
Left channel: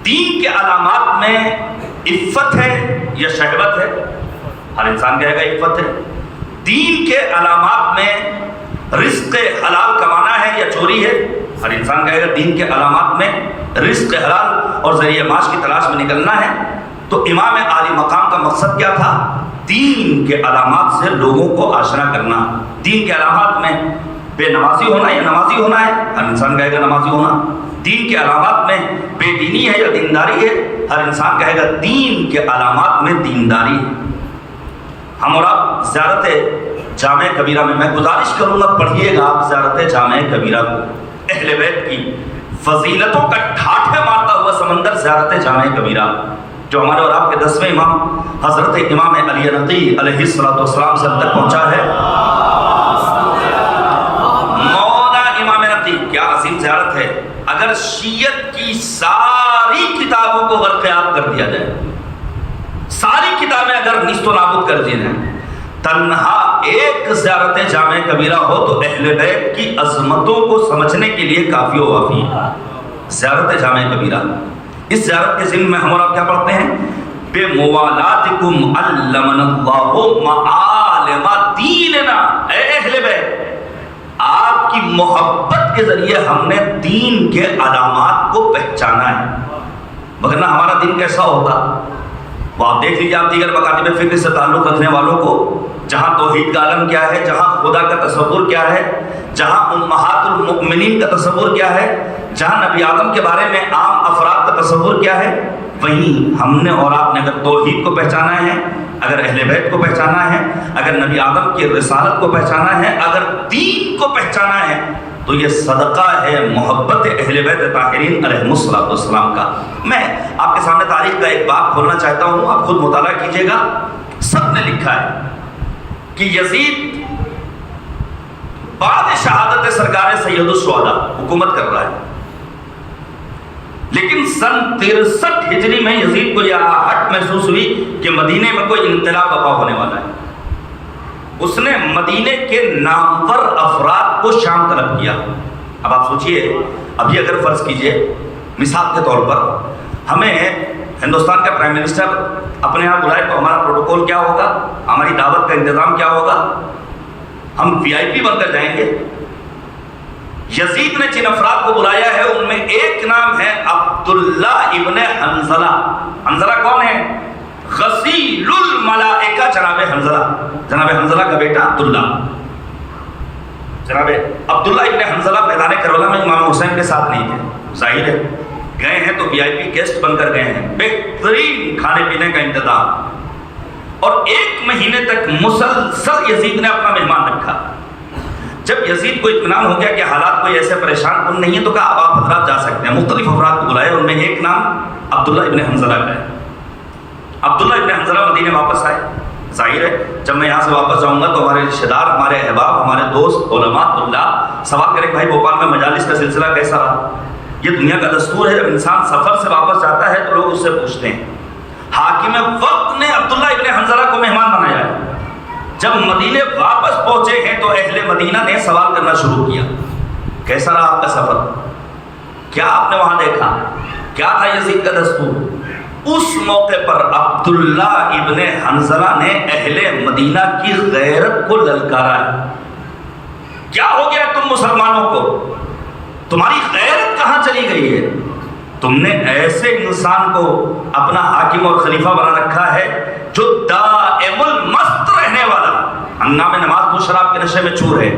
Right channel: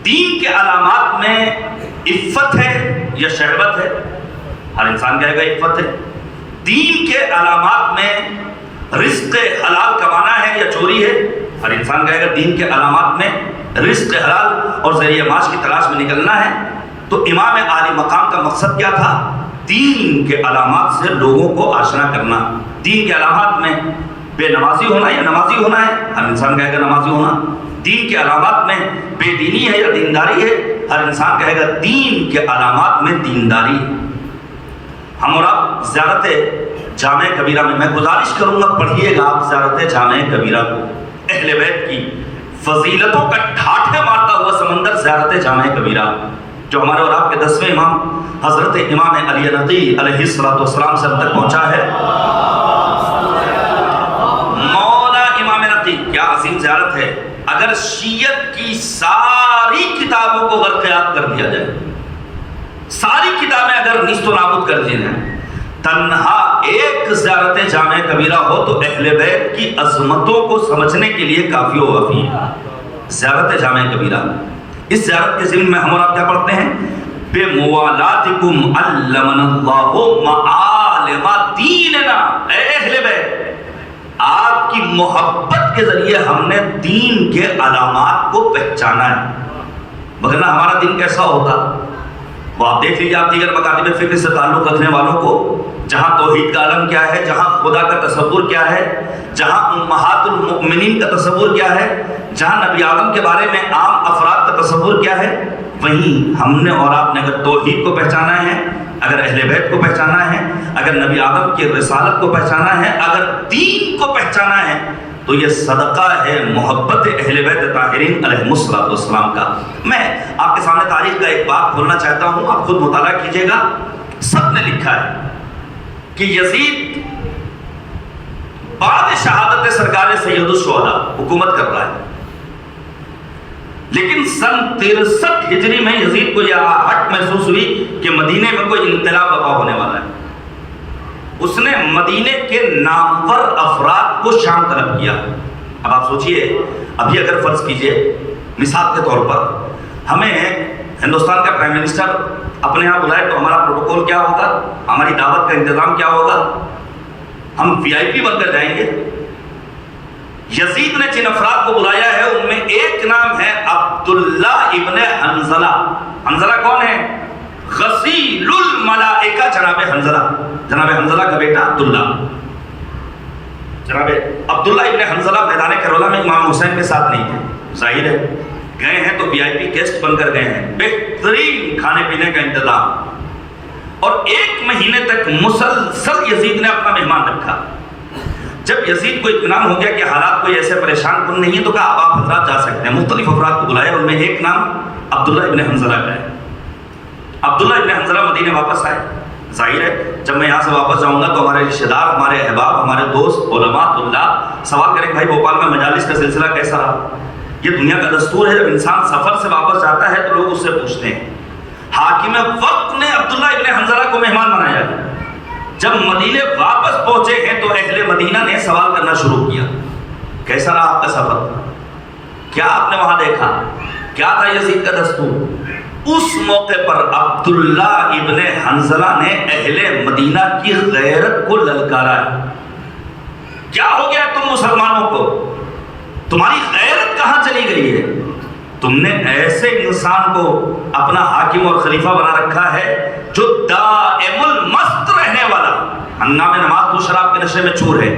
دین کے علامات میں عفت ہے یا شہوت ہے؟ ہر انسان کہے گا عفت ہے۔ دین کے علامات میں رزق حلال کمانا ہے یا چوری ہے؟ ہر انسان کہے گا دین کے علامات میں رزق حلال اور ذریعہ معاش کی تلاش میں نکلنا ہے۔ تو امام عالی مقام کا مقصد کیا تھا؟ دین کے علامات سے لوگوں کو آشنا کرنا۔ دین کے علامات میں بے نمازی ہونا یا نمازی ہونا ہے؟ ہر انسان کہے گا نمازی ہونا۔ دین کے علامات میں بے دینی ہے یا دینداری ہے؟ ہر انسان کہے گا دین کے علامات میں دینداری ہے۔ ہم اور آپ زیارت جامع کبیرہ میں گزارش کروں گا پڑھیے گا آپ زیارت جامع کبیرہ کو، اہل بیت کی فضیلتوں کا ٹھاٹھے مارتا ہوا سمندر زیارت جامع کبیرہ، جو ہمارے اور آپ کے 10ویں امام حضرت امام علی نقی علیہ السلام سے اب تک پہنچا ہے۔ مولا امام نقی، کیا عظیم زیارت ہے۔ اگر شیعت کی ساری کتابوں کو برقیاب کر دیا جائے، ساری کتابیں اگر نیست و نابود کر دی جائیں، تنہا ایک زیارت جامع کبیرہ ہو تو اہل بیت کی عظمتوں کو سمجھنے کے لیے کافی و وافی ہے۔ زیارت جامع کبیرہ، اس زیارت کے ضمن میں ہم اور آپ کیا پڑھتے ہیں؟ بے موالاتکم علمنا اللہ معالم دیننا، اے اہل بیت آپ کی محبت کے ذریعے ہم نے دین کے علامات کو پہچانا ہے، مگر نہ ہمارا دین کیسا ہوتا؟ وہ آپ دیکھ لیجیے، آپ دیگر مکاتب فکر سے تعلق رکھنے والوں کو، جہاں توحید کا عالم کیا ہے، جہاں خدا کا تصور کیا ہے، جہاں امہات المؤمنین کا تصور کیا ہے، جہاں نبی آدم کے بارے میں عام افراد کا تصور کیا ہے، وہیں ہم نے اور آپ نے اگر توحید کو پہچانا ہے، اگر اہل بیت کو پہچانا ہے، اگر نبی آدم کی رسالت کو پہچانا ہے، اگر دین کو پہچانا ہے، تو یہ صدقہ ہے محبت اہل بیت طاہرین علیہ السلام کا۔ میں آپ کے سامنے تاریخ کا ایک باب کھولنا چاہتا ہوں، آپ خود مطالعہ کیجئے گا۔ سب نے لکھا ہے کہ یزید بعد شہادت سرکار سید الشہداء حکومت کر رہا ہے، لیکن سن 63 ہجری میں یزید کو یہ آہٹ محسوس ہوئی کہ مدینے میں کوئی انقلاب برپا ہونے والا ہے۔ اس نے مدینے کے نامور افراد کو شام طلب کیا۔ اب آپ سوچئے، ابھی اگر فرض کیجئے مثال کے طور پر ہمیں ہندوستان کا پرائم منسٹر اپنے یہاں بلائے تو ہمارا پروٹوکول کیا ہوگا، ہماری دعوت کا انتظام کیا ہوگا؟ ہم VIP بن کر جائیں گے۔ یزید نے جن افراد کو بلایا ہے ان میں ایک نام ہے عبداللہ ابن حنظلہ۔ حنظلہ کون ہے؟ غسیل الملائکہ جناب حنظلہ، جناب حنظلہ کا بیٹا عبداللہ۔ جناب عبداللہ ابن حنظلہ میدان کربلا میں امام حسین کے ساتھ نہیں تھے، ظاہر ہے گئے ہیں تو VIP گیسٹ بن کر گئے ہیں، بہترین کھانے پینے کا انتظام، اور 1 مہینے تک مسلسل یزید نے اپنا مہمان رکھا۔ جب یزید کو اطمینان ہو گیا کہ حالات کوئی ایسے پریشان کن نہیں ہے تو کہا اب آپ حضرات جا سکتے ہیں۔ مختلف افراد کو بلائے، ان میں ایک عبداللہ ابن حنظلہ کا ہے۔ عبداللہ ابن حنظلہ مدینے واپس آئے۔ ظاہر ہے جب میں یہاں سے واپس جاؤں گا تو ہمارے رشتہ دار، ہمارے احباب، ہمارے دوست، علماء اللہ سوال کریں بھائی بھوپال میں مجالس کا سلسلہ کیسا رہا؟ یہ دنیا کا دستور ہے، جب انسان سفر سے واپس جاتا ہے تو لوگ اس سے پوچھتے ہیں۔ حاکم وقت نے عبداللہ ابن حنظلہ کو مہمان بنایا ہے۔ جب مدینے واپس پہنچے ہیں تو اہل مدینہ نے سوال کرنا شروع کیا، کیسا رہا آپ کا سفر؟ کیا آپ نے وہاں دیکھا؟ کیا تھا یزید کا دستور؟ اس موقع پر عبداللہ ابن حنظلہ نے اہل مدینہ کی غیرت کو للکارا ہے۔ کیا ہو گیا تم مسلمانوں کو؟ تمہاری غیرت کہاں چلی گئی ہے؟ تم نے ایسے انسان کو اپنا حاکم اور خلیفہ بنا رکھا ہے جو دائم المست رہنے والا، ہنگامے نماز تو شراب کے نشے میں چور ہے،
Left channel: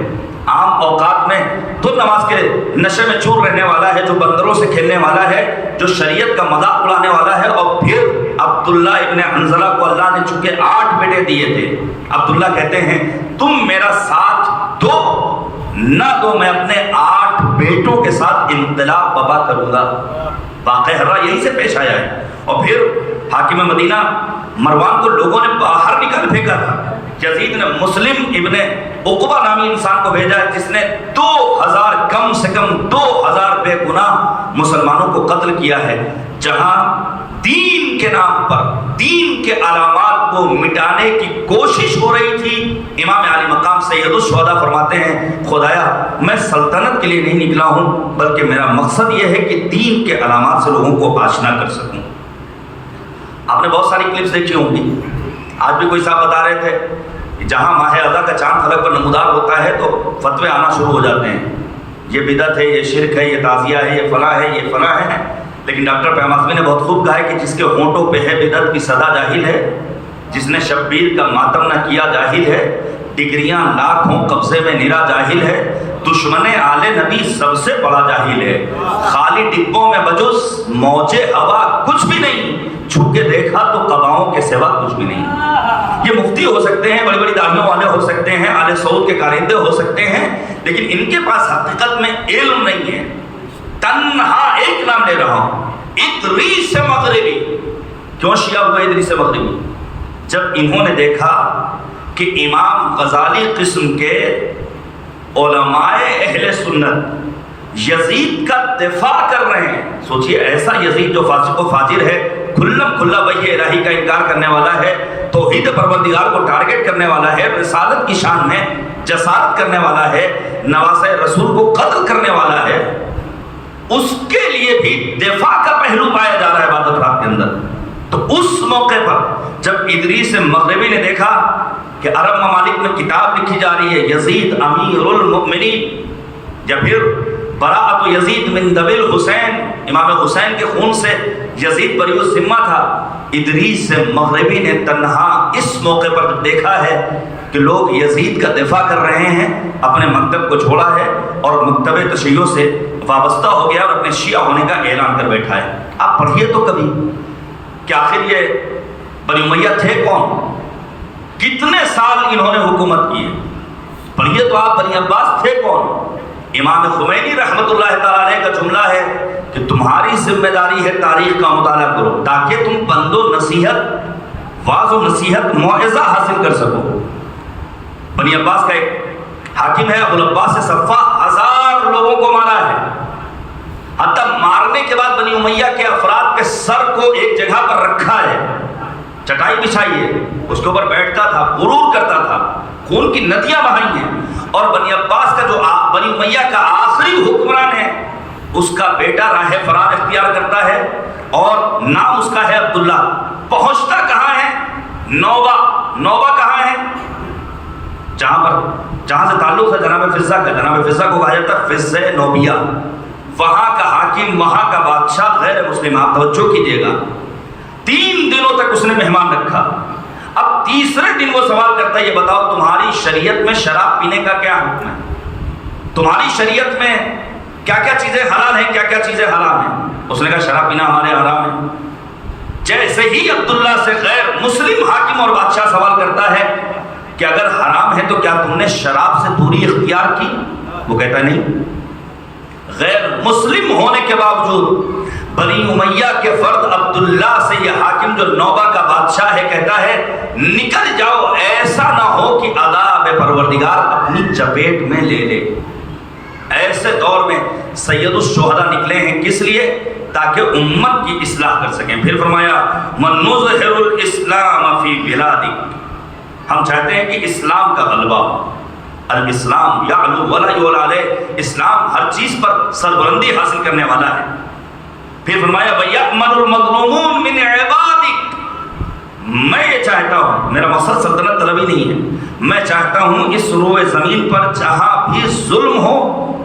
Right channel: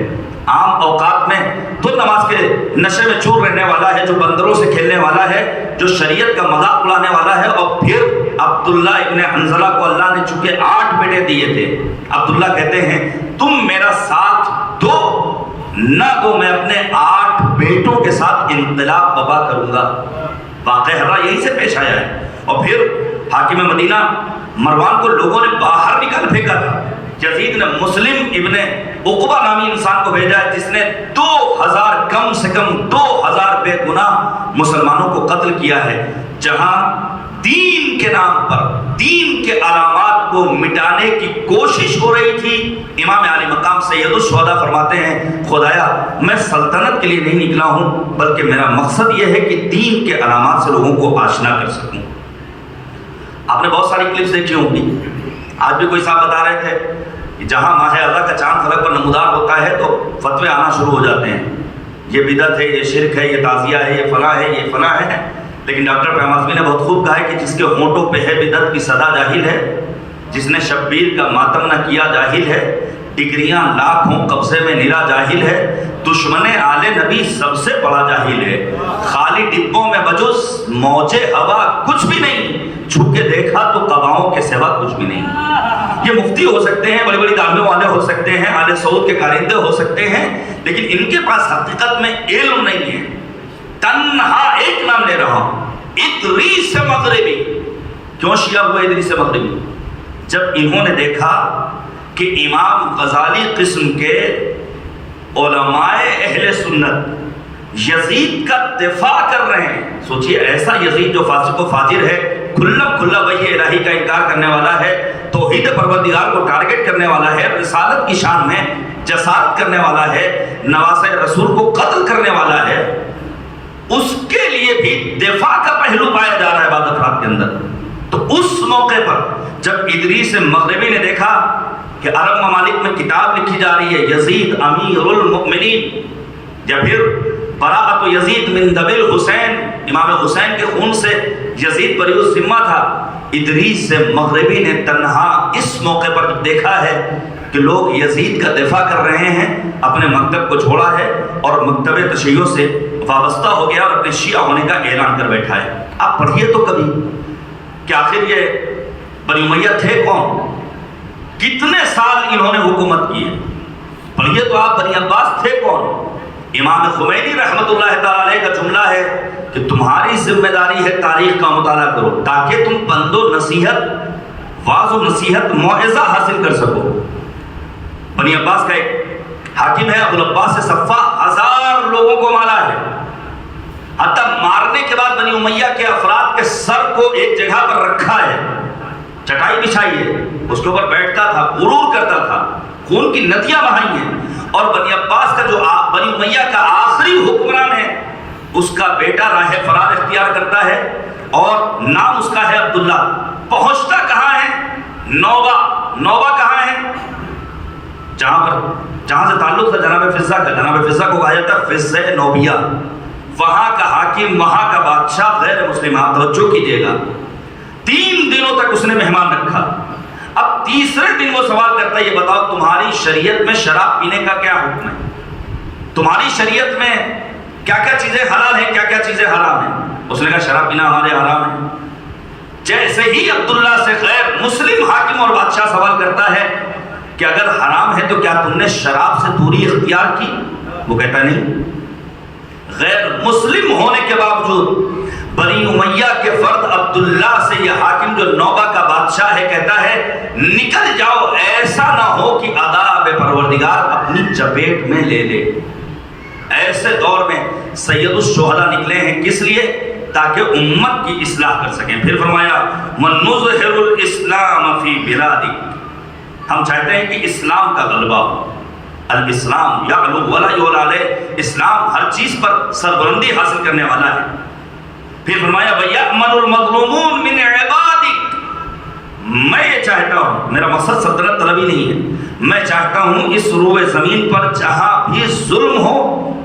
عام اوقات میں تو نماز کے نشے میں چور رہنے والا ہے، جو بندروں سے کھیلنے والا ہے، جو شریعت کا مذاق اڑانے والا ہے۔ اور پھر عبداللہ ابن حنظلہ کو اللہ نے چونکہ 8 بیٹے دیے تھے، عبداللہ کہتے ہیں تم میرا ساتھ دو نہ دو، میں اپنے 8 بیٹوں کے ساتھ انقلاب برپا کروں گا۔ واقعہ ہررا یہی سے پیش آیا ہے۔ اور پھر حاکم مدینہ مروان کو لوگوں نے باہر نکال پھینکا تھا۔ یزید نے مسلم ابن عقبہ نامی انسان کو بھیجا ہے جس نے 2000 کم سے کم 2000 بے گناہ مسلمانوں کو قتل کیا ہے۔ جہاں دین کے نام پر دین کے علامات کو مٹانے کی کوشش ہو رہی تھی، امام عالی مقام سید الشہداء فرماتے ہیں خدایا میں سلطنت کے لیے نہیں نکلا ہوں، بلکہ میرا مقصد یہ ہے کہ دین کے علامات سے لوگوں کو آشنا کر سکوں۔ آپ نے بہت ساری کلپس دیکھی ہوں گی، آج بھی کوئی صاحب بتا رہے تھے کہ جہاں ماہ اعضا کا چاند فلک پر نمودار ہوتا ہے تو فتوے آنا شروع ہو جاتے ہیں، یہ بدعت ہے، یہ شرک ہے، یہ تعزیہ ہے، یہ فلاں ہے، یہ فلاں ہے۔ لیکن ڈاکٹر پیام اعظمی نے بہت خوب کہا ہے کہ جس کے ہونٹوں پہ ہے بدعت کی صدا جاہل ہے، جس نے شبیر کا ماتم نہ کیا جاہل ہے، ڈگریاں لاکھ ہوں قبضے میں نرا جاہل ہے، دشمن آل نبی سب سے بڑا جاہل ہے، خالی ڈبوں میں بجز موجے ہوا کچھ بھی نہیں، چھو کے دیکھا تو قباؤں کے سوا کچھ بھی نہیں۔ یہ مفتی ہو سکتے ہیں، بڑی بڑی دعویوں والے ہو سکتے ہیں، آل سعود کے کارندے ہو سکتے ہیں، لیکن ان کے پاس حقیقت میں علم نہیں ہے۔ تنہا ایک نام لے رہا ہوں، ادریس مغربی۔ کیوں شیعہ ہوئے ادریس مغربی؟ جب انہوں نے دیکھا کہ امام غزالی قسم کے علماء اہل سنت یزید کا دفاع کر رہے ہیں، سوچئے ایسا یزید جو فاسق و فاجر ہے، کھلم کھلا وحی الہی کا انکار کرنے والا ہے، توحید پروردگار کو ٹارگٹ کرنے والا ہے، رسالت کی شان میں جسارت کرنے والا ہے، نواسۂ رسول کو قتل کرنے والا ہے، اس کے لیے بھی دفاع کا پہلو پایا جا رہا ہے بعض افراد کے اندر۔ تو اس موقع پر جب ادریس مغربی نے دیکھا کہ عرب ممالک میں کتاب لکھی جا رہی ہے یزید امیر المؤمنین، یا پھر براءۃ یزید من دم الحسین، امام حسین کے خون سے یزید بری الذمہ تھا، ادریس مغربی نے تنہا اس موقع پر جب دیکھا ہے کہ لوگ یزید کا دفاع کر رہے ہیں، اپنے مکتب کو چھوڑا ہے اور مکتب تشیع سے وابستہ ہو گیا اور اپنے شیعہ ہونے کا اعلان کر بیٹھا ہے۔ آپ پڑھیے تو کبھی کہ آخر یہ بنی امیہ تھے کون، کتنے سال انہوں نے حکومت کی ہے، پڑھیے تو آپ بنی عباس تھے کون۔ امام خمینی رحمۃ اللہ تعالی علیہ کا جملہ ہے کہ تمہاری ذمہ داری ہے تاریخ کا مطالعہ کرو تاکہ تم بند و نصیحت، واعظ و نصیحت، موعظہ حاصل کر سکو۔ بنی عباس کا ایک حاکم ہے ابو العباس صفا، 1000 لوگوں کو مارا ہے، حتیٰ مارنے کے بعد بنی امیہ کے افراد کے سر کو ایک جگہ پر رکھا ہے، چٹائی بچھائی ہے، اس کے اوپر بیٹھتا تھا، غرور کرتا تھا، خون کی ندیاں بہائی ہیں، اور بنی عباس کا جو بنی امیہ کا آخری حکمران ہے اس کا بیٹا راہ فرار اختیار کرتا ہے اور نام اس کا ہے عبداللہ۔ پہنچتا کہاں ہے؟ نوبہ۔ نوبہ کہاں ہے؟ جہاں سے تعلق تھا جناب فضہ کا، جناب فضہ کو کہا جاتا ہے فضہ نوبیہ، وہاں کا حاکم، وہاں کا بادشاہ غیر مسلم۔ آپ توجہ کیجیے گا، 3 دنوں تک اس نے مہمان رکھا۔ اب تیسرے دن وہ سوال کرتا ہے یہ بتاؤ تمہاری شریعت میں شراب پینے کا کیا حکم ہے؟ تمہاری شریعت میں کیا کیا چیزیں حلال ہیں، کیا کیا چیزیں حرام ہیں؟ اس نے کہا شراب پینا ہمارے حرام ہے۔ جیسے ہی عبداللہ سے غیر مسلم حاکم اور بادشاہ سوال کرتا ہے کہ اگر حرام ہے تو کیا تم نے شراب سے دوری اختیار کی؟ وہ کہتا نہیں۔ غیر مسلم ہونے کے باوجود بنی امیہ کے فرد عبداللہ سے یہ حاکم جو نوبہ کا بادشاہ ہے کہتا ہے نکل جاؤ، ایسا نہ ہو کہ عذاب پروردگار اپنی چپیٹ میں لے لے۔ ایسے دور میں سید الشہداء نکلے ہیں، کس لیے؟ تاکہ امت کی اصلاح کر سکیں۔ پھر فرمایا وَنُظْهِرُ الْإِسْلَامَ فِي بِلَادِكَ، ہم چاہتے ہیں کہ اسلام کا غلبہ ہو۔ الاسلام یعلو ولا یعلی علیہ، اسلام ہر چیز پر سربلندی حاصل کرنے والا ہے۔ پھر فرمایا وَيَأْمَنُ الْمَظْلُومُونَ مِنْ عِبَادِكَ، میں یہ چاہتا ہوں، میرا مقصد سلطنت طلبی نہیں ہے، میں چاہتا ہوں اس روئے زمین پر جہاں بھی ظلم ہو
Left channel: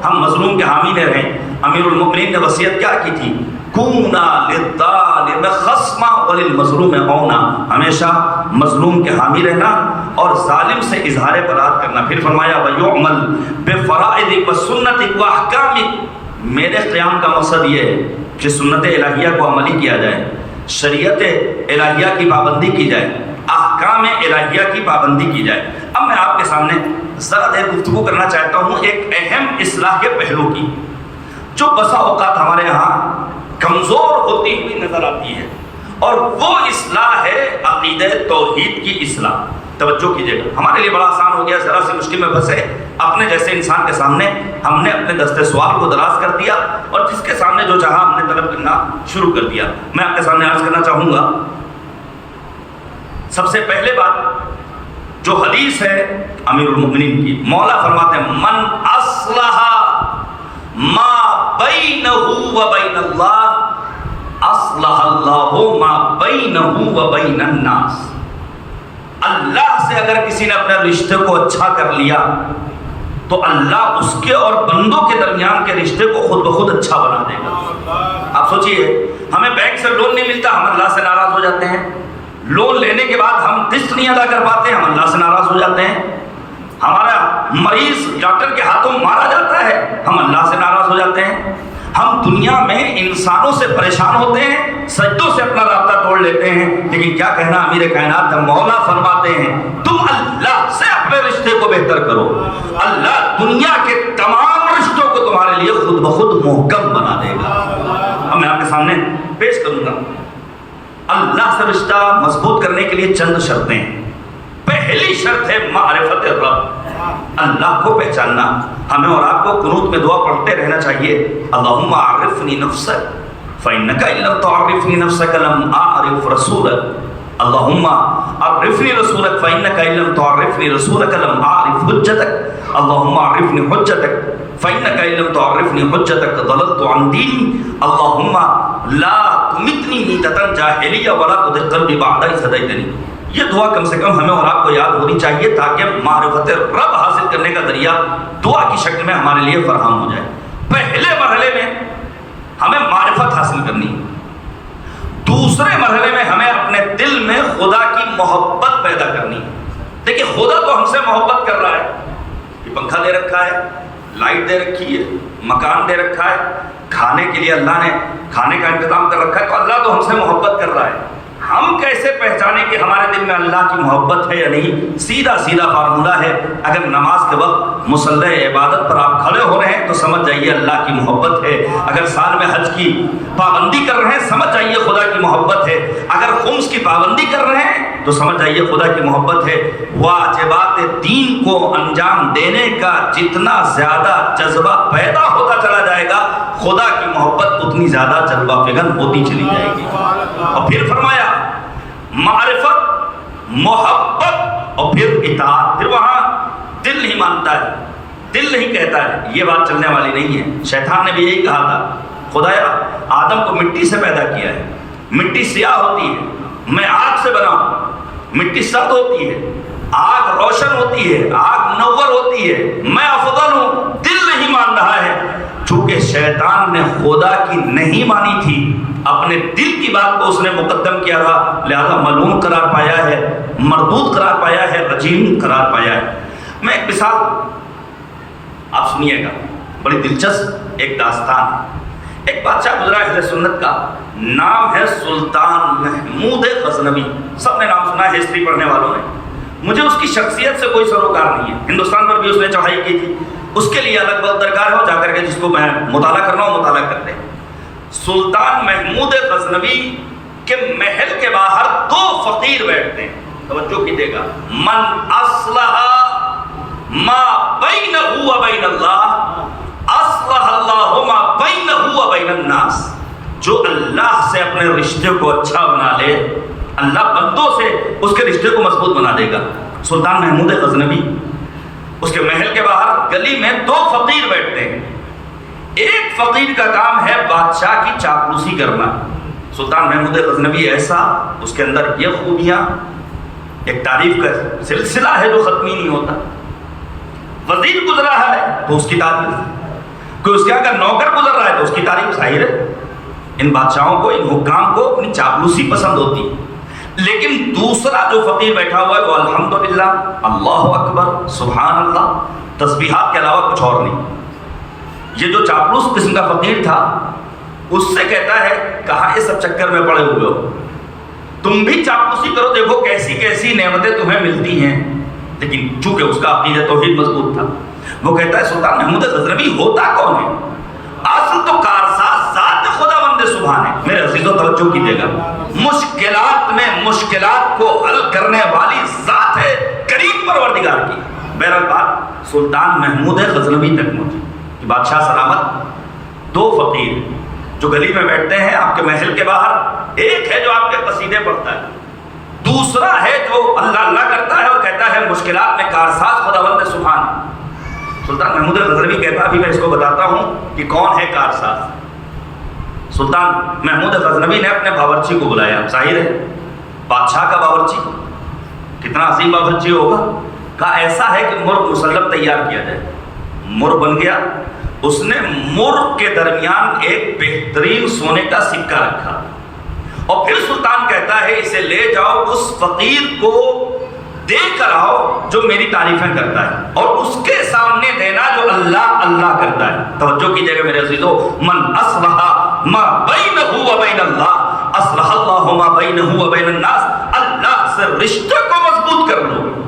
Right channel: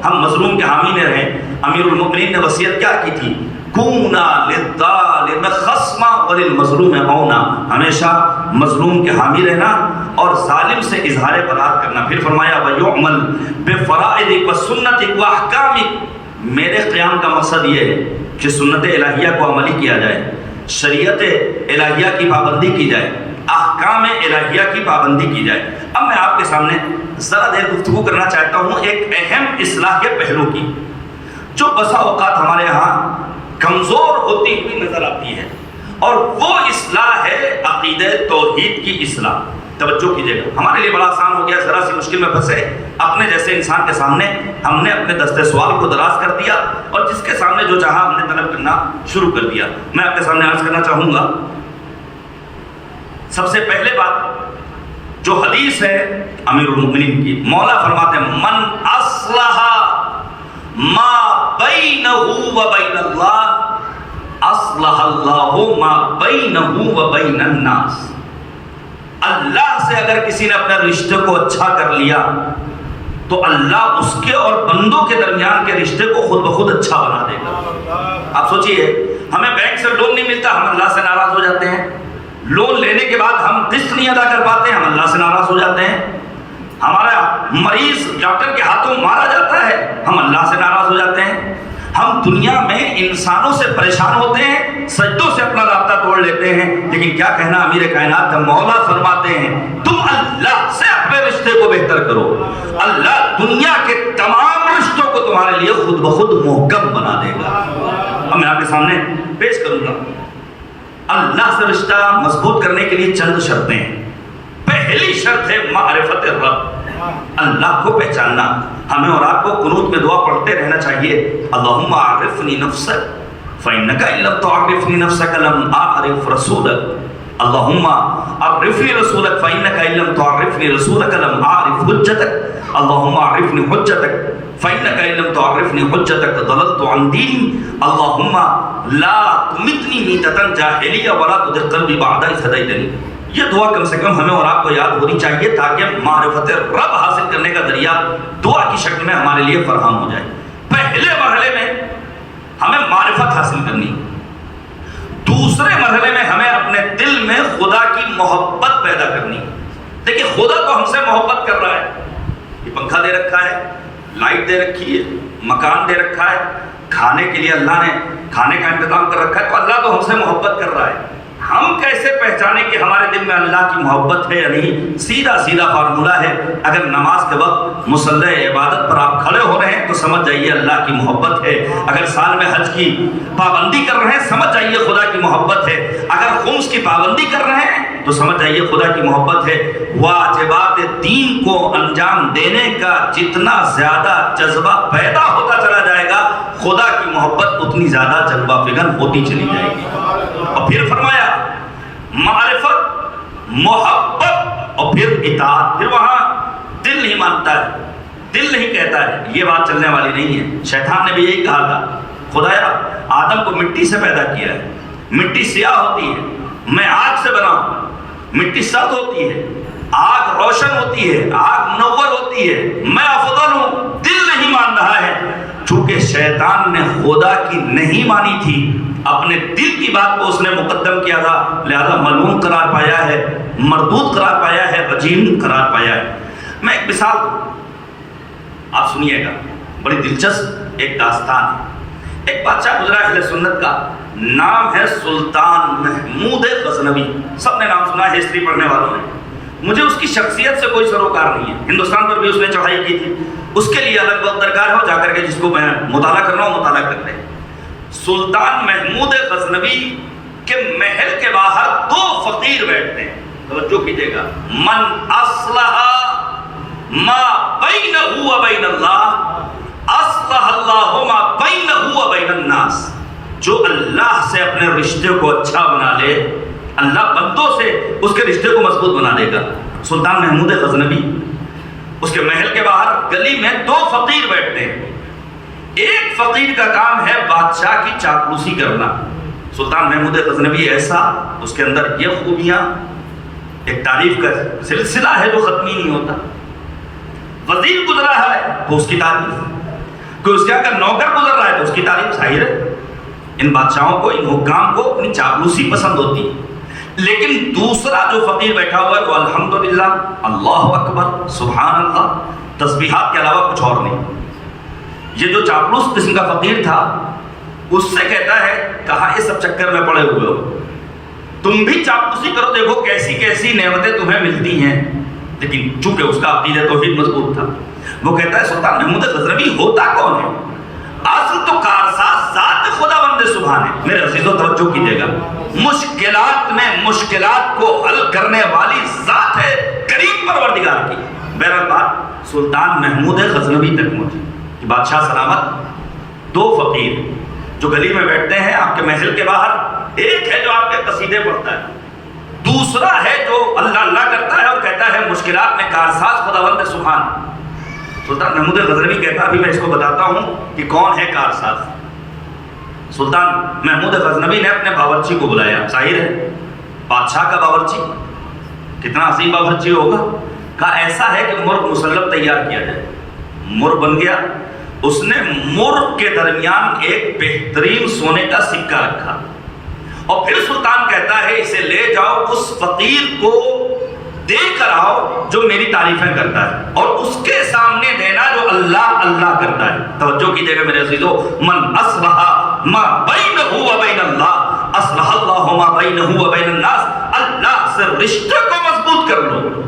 ہم مظلوم کے حامی نہ رہیں۔ امیر المؤمنین نے وصیت کیا کی تھی؟ کونا للظالم خصما وللمظلوم عونا، ہمیشہ مظلوم کے حامی رہنا اور ظالم سے اظہار برات کرنا۔ پھر فرمایا وَيُعْمَلْ بِفَرَائِضِكَ وَسُنَّتِكَ وَأَحْكَامِكَ، میرے قیام کا مقصد یہ ہے کہ سنت الہیہ کو عملی کیا جائے، شریعت الہیہ کی پابندی کی جائے، احکام الہیہ کی پابندی کی جائے۔ اب میں آپ کے سامنے ذرا دیر گفتگو کرنا چاہتا ہوں ایک اہم اصلاح کے پہلو کی، جو بسا اوقات ہمارے یہاں کمزور ہوتی ہوئی نظر آتی ہے، اور وہ اصلاح ہے عقیدہ توحید کی اصلاح۔ توجہ کیجیے گا، ہمارے لیے بڑا آسان ہو گیا، ذرا سی مشکل میں پھنسے اپنے جیسے انسان کے سامنے ہم نے اپنے دستے سوال کو دراز کر دیا اور جس کے سامنے جو چاہا ہم نے طلب کرنا شروع کر دیا۔ میں آپ کے سامنے عرض کرنا چاہوں گا، سب سے پہلے بات جو حدیث ہے امیر المؤمنین کی، مولا فرماتے ہیں من اصلح ما بینہ و بین اللہ اصلح اللہ ما بینہ و بین الناس، اللہ سے اگر کسی نے اپنے رشتے کو اچھا کر لیا تو اللہ اس کے اور بندوں کے درمیان کے رشتے کو خود بخود اچھا بنا دے گا۔ آپ سوچئے، ہمیں بینک سے لون نہیں ملتا، ہم اللہ سے ناراض ہو جاتے ہیں، لون لینے کے بعد ہم قسط نہیں ادا کر پاتے، ہم اللہ سے ناراض ہو جاتے ہیں، ہمارا مریض ڈاکٹر کے ہاتھوں مارا جاتا ہے، ہم اللہ سے ناراض ہو جاتے ہیں، ہم دنیا میں انسانوں سے پریشان ہوتے ہیں، سجدوں سے اپنا رابطہ توڑ لیتے ہیں، لیکن کیا کہنا امیر کائنات کا مولا فرماتے ہیں تم اللہ سے اپنے رشتے کو بہتر کرو، اللہ دنیا کے تمام رشتوں کو تمہارے لیے خود بخود محکم بنا دے گا۔ اب میں آپ کے سامنے پیش کروں گا، اللہ سے رشتہ مضبوط کرنے کے لیے چند شرطیں ہیں۔ پہلی شرط ہے معرفت رب، اللہ کو پہچاننا۔ ہمیں اور آپ کو قنوت میں دعا پڑھتے رہنا چاہیے، اللہم اعرفنی نفسک فإنک ان لم تعرفنی نفسک لم اعرف رسولک، اللہم عرفنی رسولک فإنک ان لم تعرفنی رسولک لم اعرف حجتک، اللہم عرفنی حجتک فإنک ان لم تعرفنی حجتک ضللت عن دینی، اللہم لا تمتنی میتۃ جاہلیہ ولا تزغ قلبی بعد اذ ہدیتنی۔ یہ دعا کم سے کم ہمیں اور آپ کو یاد ہونی چاہیے تاکہ معرفت رب حاصل کرنے کا ذریعہ دعا کی شکل میں ہمارے لیے فراہم ہو جائے۔ پہلے مرحلے میں ہمیں معرفت حاصل کرنی، دوسرے مرحلے میں ہمیں اپنے دل میں خدا کی محبت پیدا کرنی۔ دیکھیے خدا تو ہم سے محبت کر رہا ہے، یہ پنکھا دے رکھا ہے، لائٹ دے رکھی ہے، مکان دے رکھا ہے، کھانے کے لیے اللہ نے کھانے کا انتظام کر رکھا ہے، تو اللہ تو ہم سے محبت کر رہا ہے۔ ہم کیسے پہچانے کہ ہمارے دل میں اللہ کی محبت ہے یا نہیں؟ سیدھا سیدھا فارمولہ ہے، اگر نماز کے وقت مصلی عبادت پر آپ کھڑے ہو رہے ہیں تو سمجھ جائیے اللہ کی محبت ہے، اگر سال میں حج کی پابندی کر رہے ہیں سمجھ جائیے خدا کی محبت ہے، اگر خمس کی پابندی کر رہے ہیں تو سمجھ جائیے خدا کی محبت ہے۔ واجبات دین کو انجام دینے کا جتنا زیادہ جذبہ پیدا ہوتا چلا جائے گا خدا کی محبت اتنی زیادہ جذبہ فگن ہوتی چلی جائے گی۔ اور پھر فرمایا معرفت، محبت اور پھر اطاعت۔ پھر وہاں دل نہیں مانتا ہے، دل نہیں کہتا ہے، یہ بات چلنے والی نہیں ہے۔ شیطان نے بھی یہی کہا تھا، خدایا آدم کو مٹی سے پیدا کیا ہے، مٹی سیاہ ہوتی ہے، میں آگ سے بنا ہوں، مٹی سرد ہوتی ہے، آگ روشن ہوتی ہے، آگ منور ہوتی ہے، میں افضل ہوں، دل نہیں مان رہا ہے۔ چونکہ شیطان نے خدا کی نہیں مانی تھی، اپنے دل کی بات کو اس نے مقدم کیا تھا، لہذا ملعون قرار پایا ہے، مردود قرار پایا ہے، رجیم قرار پایا ہے۔ میں ایک مثال آپ سنیے گا، بڑی دلچسپ ایک داستان ہے۔ ایک بادشاہ گزرا اہل سنت کا، نام ہے سلطان محمود غزنوی، سب نے نام سنا ہے ہسٹری پڑھنے والوں نے۔ مجھے اس کی شخصیت سے کوئی سروکار نہیں ہے، ہندوستان پر بھی اس نے چڑھائی کی تھی، اس کے لیے الگ وقت درکار ہو، جا کر کے جس کو میں مطالعہ کرنا ہو مطالعہ کر لیں۔ سلطان محمود غزنوی کے محل کے باہر دو فقیر بیٹھتے ہیں. توجہ کیجیے گا. من اصلح ما بینہ و بین اللہ اصلح اللہ ما بینہ و بین الناس. جو اللہ سے اپنے رشتے کو اچھا بنا لے, اللہ بندوں سے اس کے رشتے کو مضبوط بنا دے گا. سلطان محمود غزنوی, اس کے محل کے باہر گلی میں دو فقیر بیٹھتے ہیں. ایک فقیر کا کام ہے بادشاہ کی چاپلوسی کرنا. سلطان محمود غزنوی ایسا, اس کے اندر یہ خوبیاں, ایک تعریف کا سلسلہ ہے جو ختم ہی نہیں ہوتا. وزیر گزرا ہے تو اس کی تعریف, کوئی اس کے اگر نوکر گزر رہا ہے تو اس کی تعریف. ظاہر ہے ان بادشاہوں کو, ان حکام کو اپنی چاپلوسی پسند ہوتی ہے. لیکن دوسرا جو فقیر بیٹھا ہوا ہے وہ الحمدللہ, اللہ اکبر, سبحان اللہ, تسبیحات کے علاوہ کچھ اور نہیں. یہ جو چاپلوس قسم کا فقیر تھا اس سے کہتا ہے کہاں یہ سب چکر میں پڑے ہوئے ہو, تم بھی چاپلوسی کرو, دیکھو کیسی کیسی نعمتیں تمہیں ملتی ہیں. لیکن چونکہ اس کا عقیدہ توحید مضبوط تھا, وہ کہتا ہے سلطان محمود غزنوی ہوتا کون ہے؟ اصل تو کارساز ذات خداوند سبحان ہے. میرے عزیزو توجہ کیجیے گا, مشکلات میں مشکلات کو حل کرنے والی ذات ہے کریم پروردگار کی. بہرحال بات سلطان محمود غزنوی تک پہنچی. بادشاہ سلامت, دو فقیر جو گلی میں بیٹھتے ہیں آپ کے محل کے باہر. ایک ہے جو آپ کے قصیدے پڑھتا ہے, دوسرا ہے جو اللہ اللہ کرتا ہے اور کہتا ہے مشکلات میں کارساز خداوند سبحان. سلطان محمود غزنوی کہتا ابھی میں اس کو بتاتا ہوں کہ کون ہے کارساز. سلطان محمود غزنوی نے اپنے باورچی کو بلایا. ظاہر ہے بادشاہ کا باورچی کتنا عظیم باورچی ہوگا. کہا ایسا ہے کہ مرغ مسلم تیار کیا جائے. مرغ بن گیا. اس نے مرغ کے درمیان ایک بہترین سونے کا سکہ رکھا اور پھر سلطان کہتا ہے اسے لے جاؤ اس فقیر کو دے کر آؤ جو میری تعریفیں کرتا ہے, اور اس کے سامنے دینا جو اللہ اللہ کرتا ہے. توجہ کیجیے گا میرے عزیزو, من اصلح ما بینہ و بین اللہ اصلح اللہ ما بینہ و بین الناس. اللہ سے رشتے کو مضبوط کر لو.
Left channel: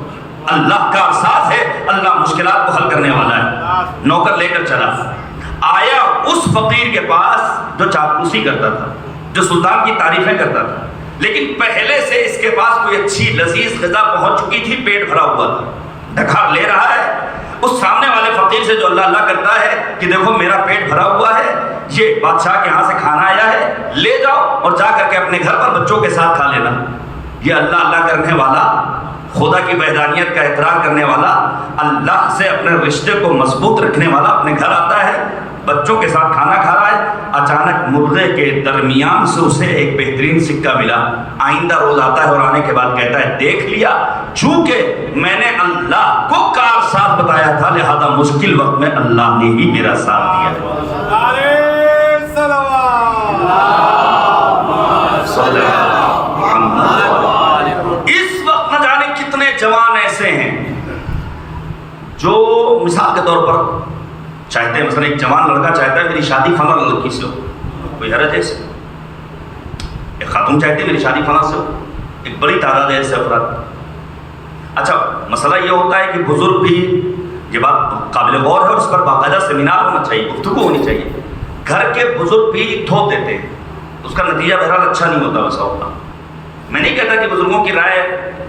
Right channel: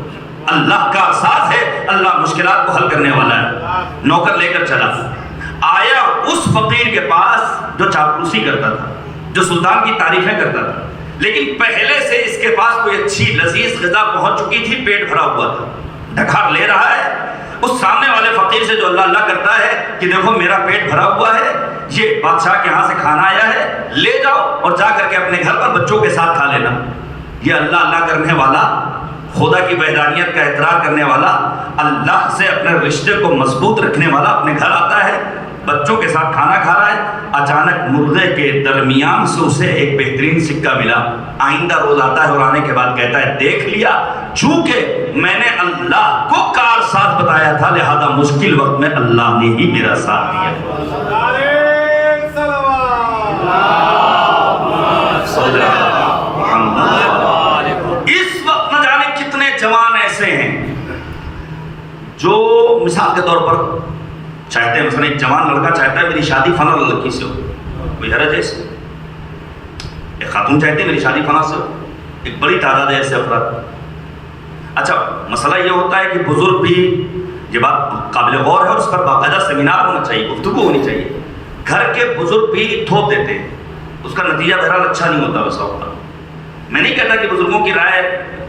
اللہ کا ساتھ ہے, اللہ مشکلات کو حل کرنے والا ہے. نوکر لے کر چلا, آیا اس فقیر کے پاس جو چاپلوسی کرتا تھا, جو سلطان کی تعریفیں کرتا تھا, لیکن پہلے سے اس کے پاس کوئی اچھی لذیذ غذا پہنچ چکی تھی, پیٹ بھرا ہوا تھا, ڈھکار لے رہا ہے اس سامنے والے فقیر سے جو اللہ اللہ کرتا ہے کہ دیکھو میرا پیٹ بھرا ہوا ہے, یہ بادشاہ کے ہاں سے کھانا آیا ہے, لے جاؤ اور جا کر کے اپنے گھر پر بچوں کے ساتھ کھا لینا. یہ اللہ اللہ کرنے والا, خدا کی وحدانیت کا اقرار کرنے والا, اللہ سے اپنے رشتے کو مضبوط رکھنے والا اپنے گھر آتا ہے, بچوں کے ساتھ کھانا کھا رہا ہے. اچانک مرغے کے درمیان سے اسے ایک بہترین سکہ ملا. آئندہ روز آتا ہے اور آنے کے بعد کہتا ہے دیکھ لیا, چونکہ میں نے اللہ کو کار ساتھ بتایا تھا لہذا مشکل وقت میں اللہ نے ہی میرا ساتھ دیا. اس وقت نہ جانے کتنے جوان ایسے ہیں جو مثال کے طور پر چاہتے ہیں, مثلا ایک جوان لڑکا چاہتا ہے میری شادی فلاں لڑکی سے ہو, کوئی حرج ہے اس میں. ایک خاتون چاہتی ہے میری شادی فلاں سے ہو, ایک بڑی تعداد ہے ایسے افراد. اچھا مسئلہ یہ ہوتا ہے کہ بزرگ بھی, یہ بات قابل غور ہے اور اس پر باقاعدہ سیمینار ہونا چاہیے, گفتگو ہونی چاہیے. گھر کے بزرگ بھی تھوپ دیتے ہیں, اس کا نتیجہ بہرحال اچھا نہیں ہوتا ویسا ہوتا. میں نہیں کہتا کہ بزرگوں کی رائے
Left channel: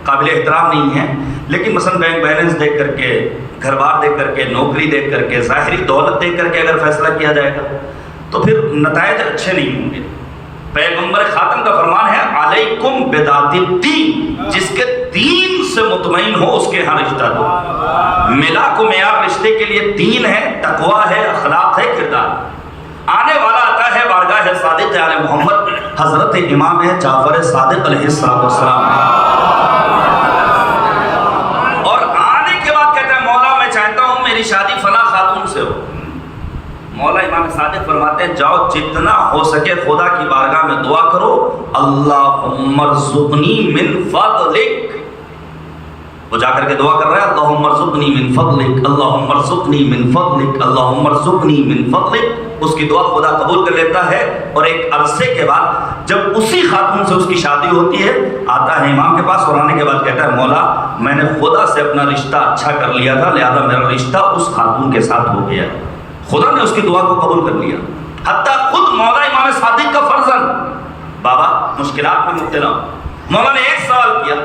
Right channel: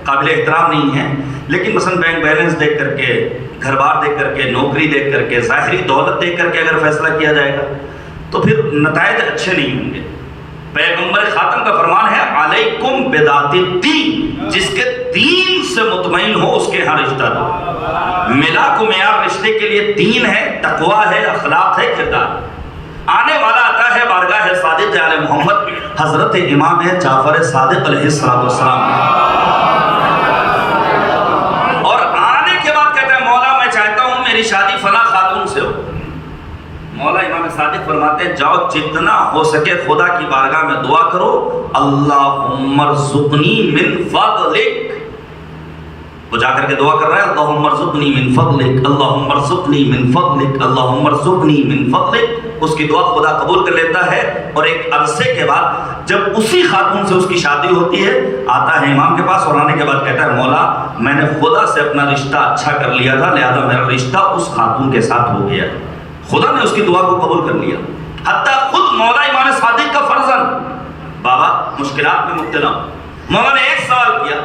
قابل احترام نہیں ہے, لیکن مثلا بینک بیلنس دیکھ کر کے, گھر بار دیکھ کر کے, نوکری دیکھ کر کے, ظاہری دولت دیکھ کر کے اگر فیصلہ کیا جائے گا تو پھر نتائج اچھے نہیں ہوں گے. پیغمبر خاتم کا فرمان ہے علیکم بذات الدین, جس کے دین سے مطمئن ہو اس کے ہاں رشتہ دو. ملا کو معیار رشتے کے لیے دین ہے, تقویٰ ہے, اخلاق ہے, کردار. آنے والا آتا ہے بارگاہ صادق علیہ محمد حضرت امام جعفر صادق علیہ السلام, اور آنے کے بعد کہتا ہے مولا میں چاہتا ہوں میری شادی فلاں خاتون سے ہو. مولا امام صادق فرماتے ہیں جاؤ جتنا ہو سکے خدا کی بارگاہ میں دعا کرو, اللہم ارزقنی من فضلک. وہ جا کر کے دعا کر رہا ہے اللہم ارزقنی من فضلک, اللہم ارزقنی من فضلک, اللہم ارزقنی من فضلک. اس کی دعا خدا قبول کر لیتا ہے, اور ایک عرصے کے بعد جب اسی خاتون سے اس کی شادی ہوتی ہے آتا ہے امام کے پاس, اور آنے کے بعد کہتا ہے مولا میں نے خدا سے اپنا رشتہ اچھا کر لیا تھا لہذا میرا رشتہ اس خاتون کے ساتھ ہو گیا. خدا نے اس کی دعا کو قبول کر لیا. حتیٰ خود مولا امام صادق کا فرزند بابا مشکلات میں مبتلا ہوں. مولا نے ایک سوال کیا,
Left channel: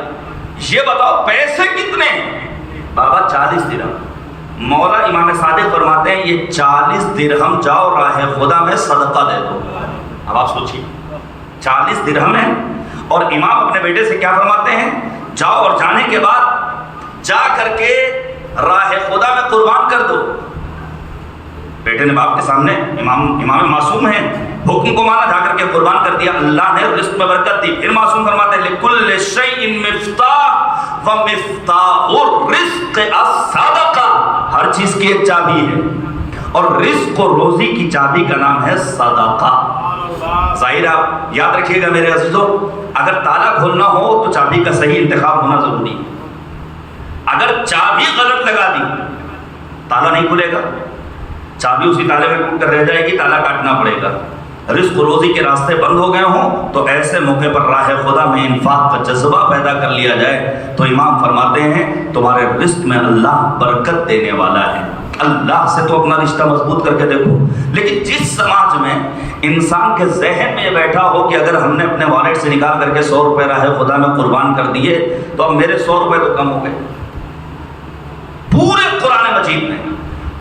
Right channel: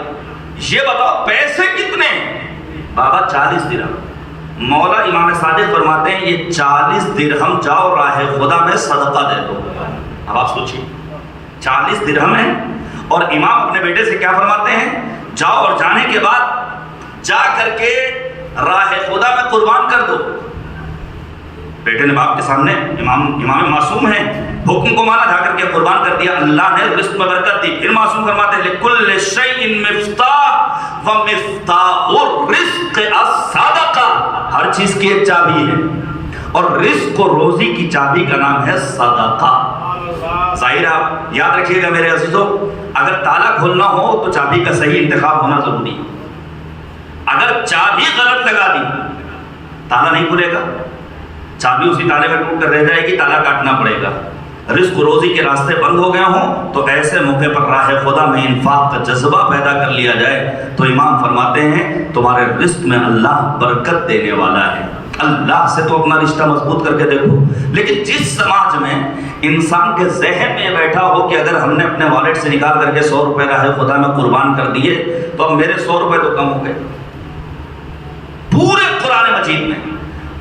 یہ بتاؤ پیسے کتنے؟ بابا 40 درہم. مولا امام صادق فرماتے ہیں یہ 40 درہم جاؤ راہ خدا میں صدقہ دے دو. اب آپ سوچیے 40 درہم ہے اور امام اپنے بیٹے سے کیا فرماتے ہیں, جاؤ اور جانے کے بعد جا کر کے راہ خدا میں قربان کر دو. بیٹے نے باپ کے سامنے, امام معصوم ہیں, حکم کو مانا, جا کر کے قربان کر دیا. اللہ نے رزق میں برکت دی. پھر معصوم فرماتے ہیں لِكُلِّ شَيْءٍ مِفْتَاحٌ وَمِفْتَاحُ الرِّزْقِ الصَّدَقَةُ. ہر چیز کی ایک چابی ہے اور رزق و روزی کی چابی کا نام ہے صدقہ. ظاہر آپ یاد رکھیے گا میرے عزیزو, اگر تالا کھولنا ہو تو چابی کا صحیح انتخاب ہونا ضروری. اگر چابی غلط لگا دی تالا نہیں کھلے گا, چابی اسی تالے میں ٹوٹ کر رہ جائے گی, تالا کاٹنا پڑے گا. رزق و روزی کے راستے بند ہو گئے ہوں تو ایسے موقع پر راہ خدا میں انفاق کا جذبہ پیدا کر لیا جائے تو امام فرماتے ہیں تمہارے رزق میں اللہ برکت دینے والا ہے. اللہ سے تو اپنا رشتہ مضبوط کر کے دیکھو. لیکن جس سماج میں انسان کے ذہن میں بیٹھا ہو کہ اگر ہم نے اپنے والٹ سے نکال کر کے 100 روپے راہ خدا میں قربان کر دیے تو اب میرے 100 روپے تو کم ہو گئے. پورے قرآن مجید میں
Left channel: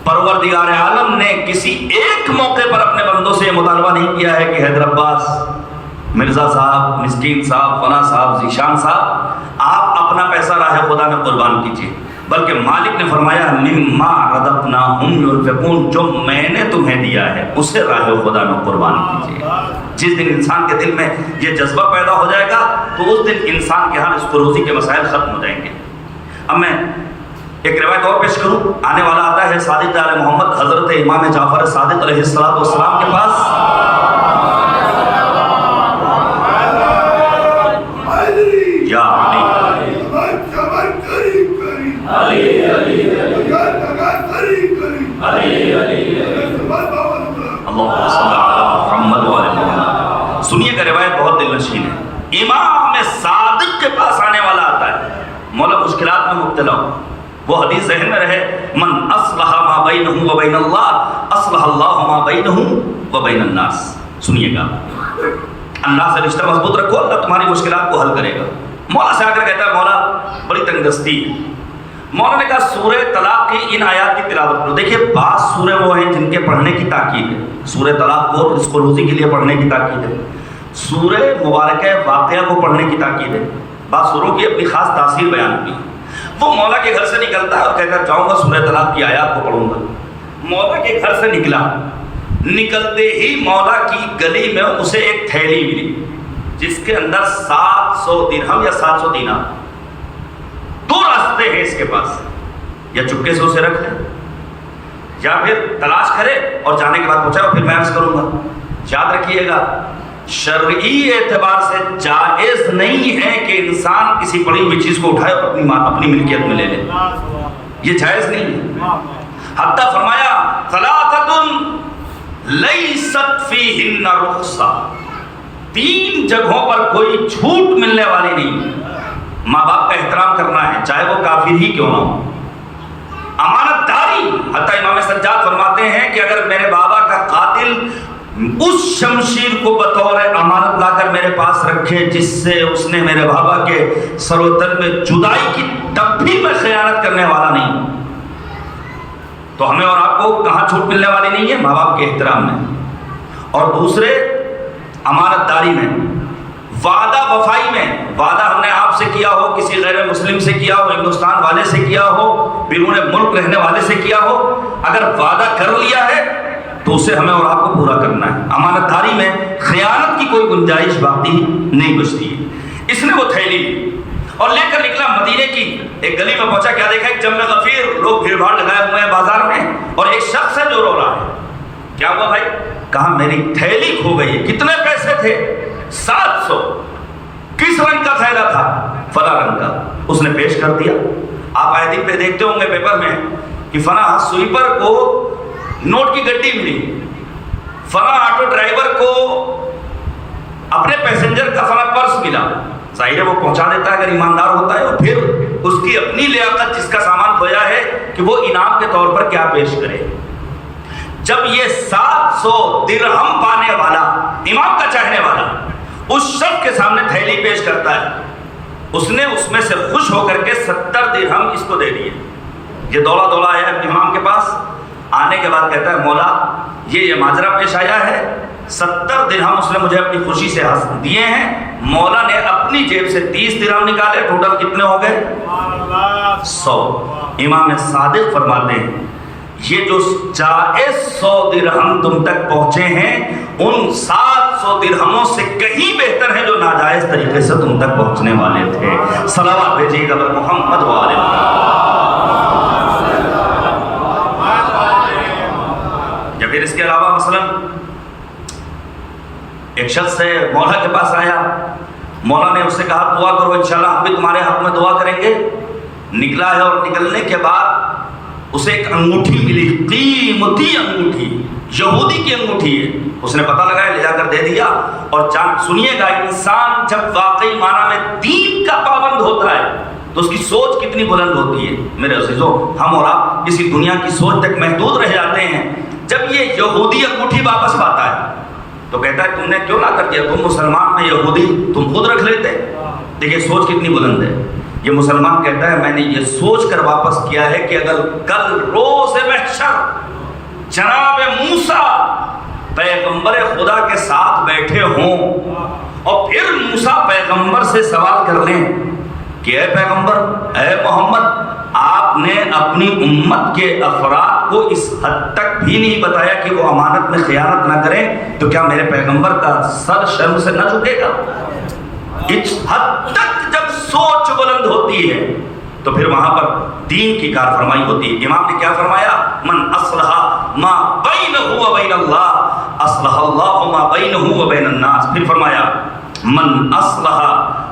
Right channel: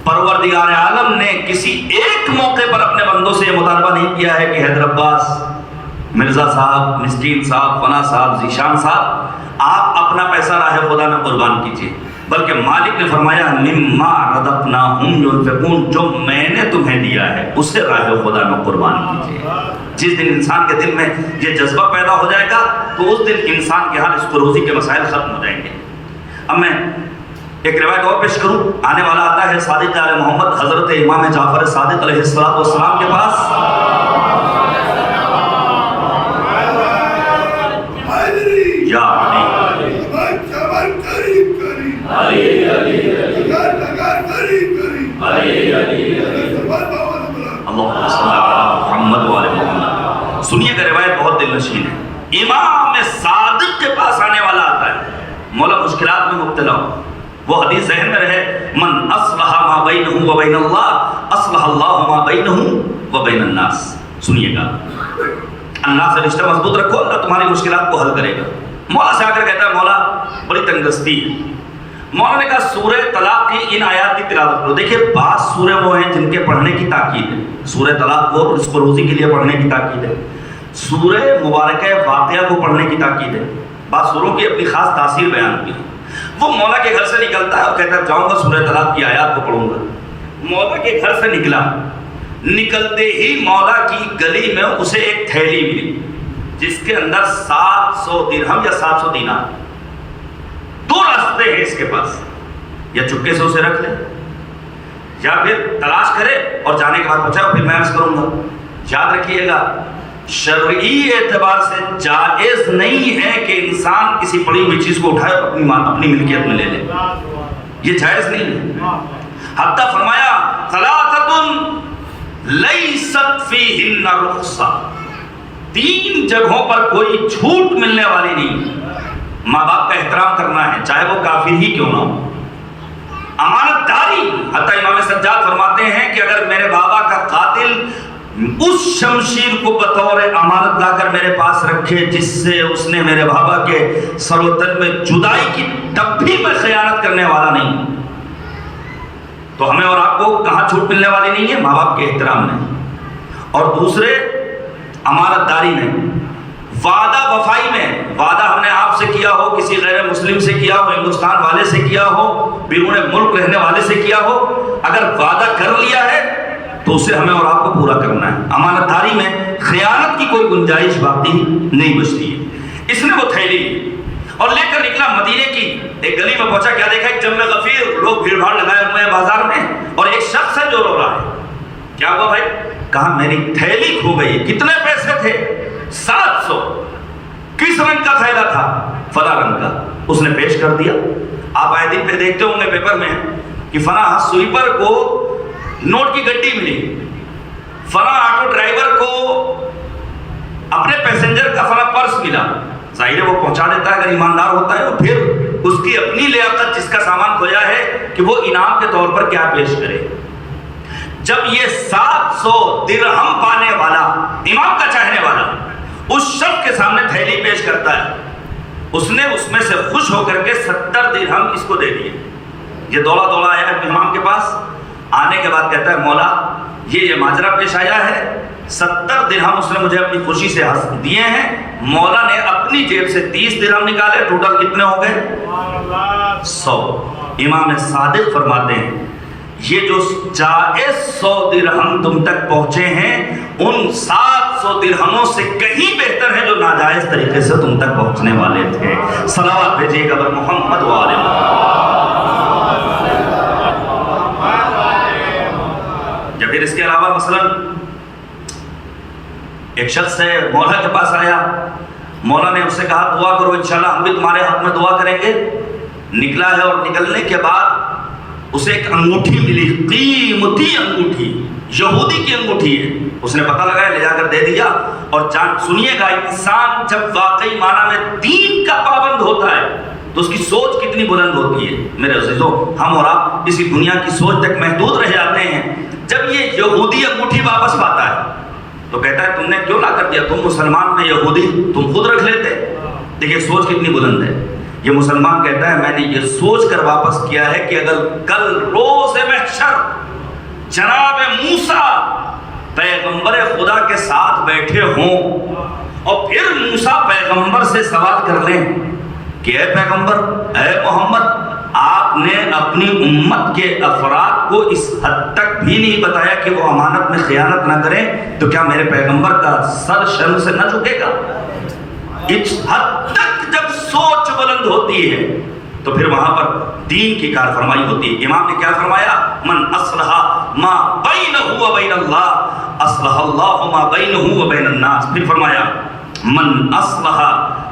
پروردگار عالم نے کسی ایک موقع پر اپنے بندوں سے یہ مطالبہ نہیں کیا ہے کہ حیدر عباس, مرزا صاحب, مسکین صاحب, فنا صاحب, ذیشان صاحب آپ اپنا پیسہ راہ خدا میں قربان کیجیے, بلکہ مالک نے فرمایا مما رزقناہم ينفقون, جو میں نے تمہیں دیا ہے اسے راہ خدا میں قربان کیجیے. جس دن انسان کے دل میں یہ جذبہ پیدا ہو جائے گا تو اس دن انسان کے حال اس کو روزی کے مسائل ختم ہو جائیں گے. اب میں ایک روایت اور پیش کروں. آنے والا آتا ہے صادق آل محمد حضرت امام جعفر صادق علیہ السلام کے پاس. یا اللہم صلی علی محمد وآل محمد. سنیے گا روایت بہت دل نشین ہے. امام صادق کے پاس آنے والا آتا ہے, مولا مشکلات میں مبتلا ہو. وہ حدیث ذہن میں رہے, من اصلح ما بینہ و بین اللہ اصلح اللہ ما بینہ و بین الناس. سنیے گا, اللہ سے رشتہ مضبوط رکھو, اللہ تمہاری مشکلات کو حل کرے گا. مولا سے آ کر کہتا ہے مولا بڑی تنگ دستی ہے. مولا نے کہا سورہ طلاق کی ان آیات کی تلاوت کرو. دیکھیے بعض سورے وہ ہیں جن کے پڑھنے کی تاکید ہے. سورہ طلاق کو رزق و روزی کے لیے پڑھنے کی تاکید ہے. سورہ مبارکہ واقعہ کو پڑھنے کی تاکید ہے. بعض سوروں کی اپنی خاص تاثیر بیان ہوئی ہے. وہ مولا کے گھر سے نکلتا ہے اور کہتا ہے جاؤں گا سورہ طلاق کی آیات کو پڑھوں گا. مولا کے گھر سے نکلا, نکلتے ہی مولا کی گلی میں اسے ایک تھیلی ملی جس کے اندر 700 درہم یا 700 دینار. 2 راستے ہیں اس کے پاس, یا چپکے سے اسے رکھ لے یا پھر تلاش کرے اور جانے کے بعد پہنچا پھر میں عرض کروں گا. یاد رکھیے گا شرعی اعتبار سے جائز نہیں ہے کہ انسان کسی پڑی ہوئی چیز کو اٹھائے اور اپنی ملکیت میں لے لے. یہ جائز نہیں ہے. حتیٰ فرمایا ثلاثۃ لیست فیہن رخصہ, 3 جگہوں پر کوئی چھوٹ ملنے والی نہیں. ماں باپ کا احترام کرنا ہے چاہے وہ کافر ہی کیوں نہ ہو. امانت داری, حتیٰ امام سجاد فرماتے ہیں کہ اگر میرے بابا کا قاتل اس شمشیر کو بطور امانت لا کر میرے پاس رکھے جس سے اس نے میرے بابا کے سر و تن میں جدائی کی, تب بھی میں خیانت کرنے والا نہیں. تو ہمیں اور آپ کو کہاں چھوٹ ملنے والی نہیں ہے؟ ماں باپ کے احترام میں. اور دوسرے امانت داری میں, وعدہ وفائی میں. وعدہ ہم نے آپ سے کیا ہو, کسی غیر مسلم سے کیا ہو, ہندوستان والے سے کیا ہو, بیرون ملک رہنے والے سے کیا ہو, اگر وعدہ کر لیا ہے تو اسے ہمیں اور آپ کو پورا کرنا ہے. امانت داری میں خیانت کی کوئی گنجائش باقی نہیں بچتی ہے. اس نے وہ تھیلی اور لے کر نکلا مدینے کی ایک گلی میں پہنچا. کیا دیکھا, ایک جمع غفیر, لوگ بھیڑ بھاڑ لگائے ہوئے ہیں بازار میں, اور ایک شخص ہے جو رو رہا ہے. کیا ہوا بھائی؟ کہا میری تھیلی کھو گئی. کتنے پیسے تھے؟ 700. کس رنگ کا تھیلا تھا؟ فلاں رنگ کا. اس نے پیش کر دیا. آپ آئے دن پہ دیکھتے ہوں گے پیپر میں کہ فلاں سویپر کو نوٹ کی گڈی ملی, فلاں آٹو ڈرائیور کو اپنے پیسنجر کا فلاں پرس ملا. ظاہر ہے وہ پہنچا دیتا ہے اگر ایماندار ہوتا ہے, اور پھر اس کی اپنی لیاقت جس کا سامان کھویا ہے کہ وہ انعام کے طور پر کیا پیش کرے. جب یہ 700 درہم پانے والا امام کا چاہنے والا اس شخص کے سامنے تھیلی پیش کرتا ہے، اس نے اس میں سے خوش ہو کر کے 70 درہم اس کو دے دیے. یہ دوڑا دوڑا آیا امام کے پاس. آنے کے بعد کہتا ہے مولا یہ ماجرا پیش آیا ہے، 70 درہم اس نے مجھے اپنی خوشی سے دیے ہیں. مولا نے اپنی جیب سے 30 درہم نکالے. ٹوٹل کتنے ہو گئے؟ 100. امام صادق فرماتے ہیں یہ جو جائز 100 درہم تم تک پہنچے ہیں ان 700 درہموں سے کہیں بہتر ہے جو ناجائز طریقے سے تم تک پہنچنے والے تھے. صلوات بھیجیے قبر محمد والے. یا پھر اس کے علاوہ مثلا ایک شخص ہے مولا کے پاس آیا. مولا نے اس سے کہا دعا کرو انشاءاللہ ہم بھی تمہارے حق میں دعا کریں گے. نکلا ہے اور نکلنے کے بعد اسے ایک انگوٹھی ملی، قیمتی انگوٹھی، یہودی کی انگوٹھی ہے. اس نے پتہ لگایا، لے جا کر دے دیا. اور سنیے گا انسان جب واقعی معنی میں دین کا پابند ہوتا ہے تو اس کی سوچ کتنی بلند ہوتی ہے. میرے عزیزو ہم اور آپ اسی دنیا کی سوچ تک محدود رہ جاتے ہیں. جب یہ یہودی انگوٹھی واپس پاتا ہے تو کہتا ہے تم نے کیوں نہ کر دیا، تم مسلمان میں یہودی تم خود رکھ لیتے. دیکھیے سوچ کتنی بلند ہے. یہ مسلمان کہتا ہے میں نے یہ سوچ کر واپس کیا ہے کہ اگر کل روز محشر جناب موسیٰ پیغمبر خدا کے ساتھ بیٹھے ہوں اور پھر موسیٰ پیغمبر سے سوال کر لیں کہ اے پیغمبر، اے محمد، آپ نے اپنی امت کے افراد کو اس حد تک بھی نہیں بتایا کہ وہ امانت میں خیانت نہ کریں، تو کیا میرے پیغمبر کا سر شرم سے نہ جھکے گا؟ اس حد تک جب سوچ بلند ہوتی ہے تو پھر وہاں پر دین کی کار فرمائی ہوتی ہے. امام نے کیا فرمایا؟ من اصلح ما بینہ و بین اللہ اصلح اللہ ما بینہ و بین الناس. پھر فرمایا من اصلح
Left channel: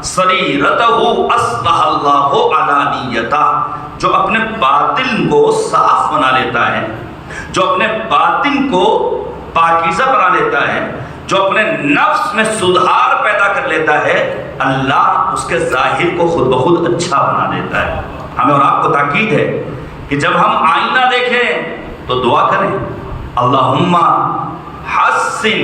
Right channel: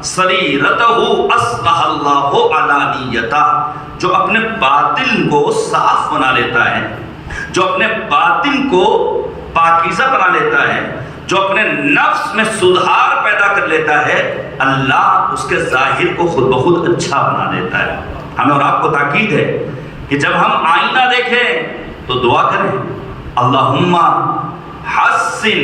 سریرتہ اصلح اللہ علانیتہ. جو اپنے باطن کو صاف بنا لیتا ہے، جو اپنے باطن کو پاکیزہ بنا لیتا ہے، جو اپنے نفس میں سدھار پیدا کر لیتا ہے، اللہ اس کے ظاہر کو خود بخود اچھا بنا دیتا ہے. ہمیں اور آپ کو تاکید ہے کہ جب ہم آئینہ دیکھیں تو دعا کریں اللہم حسن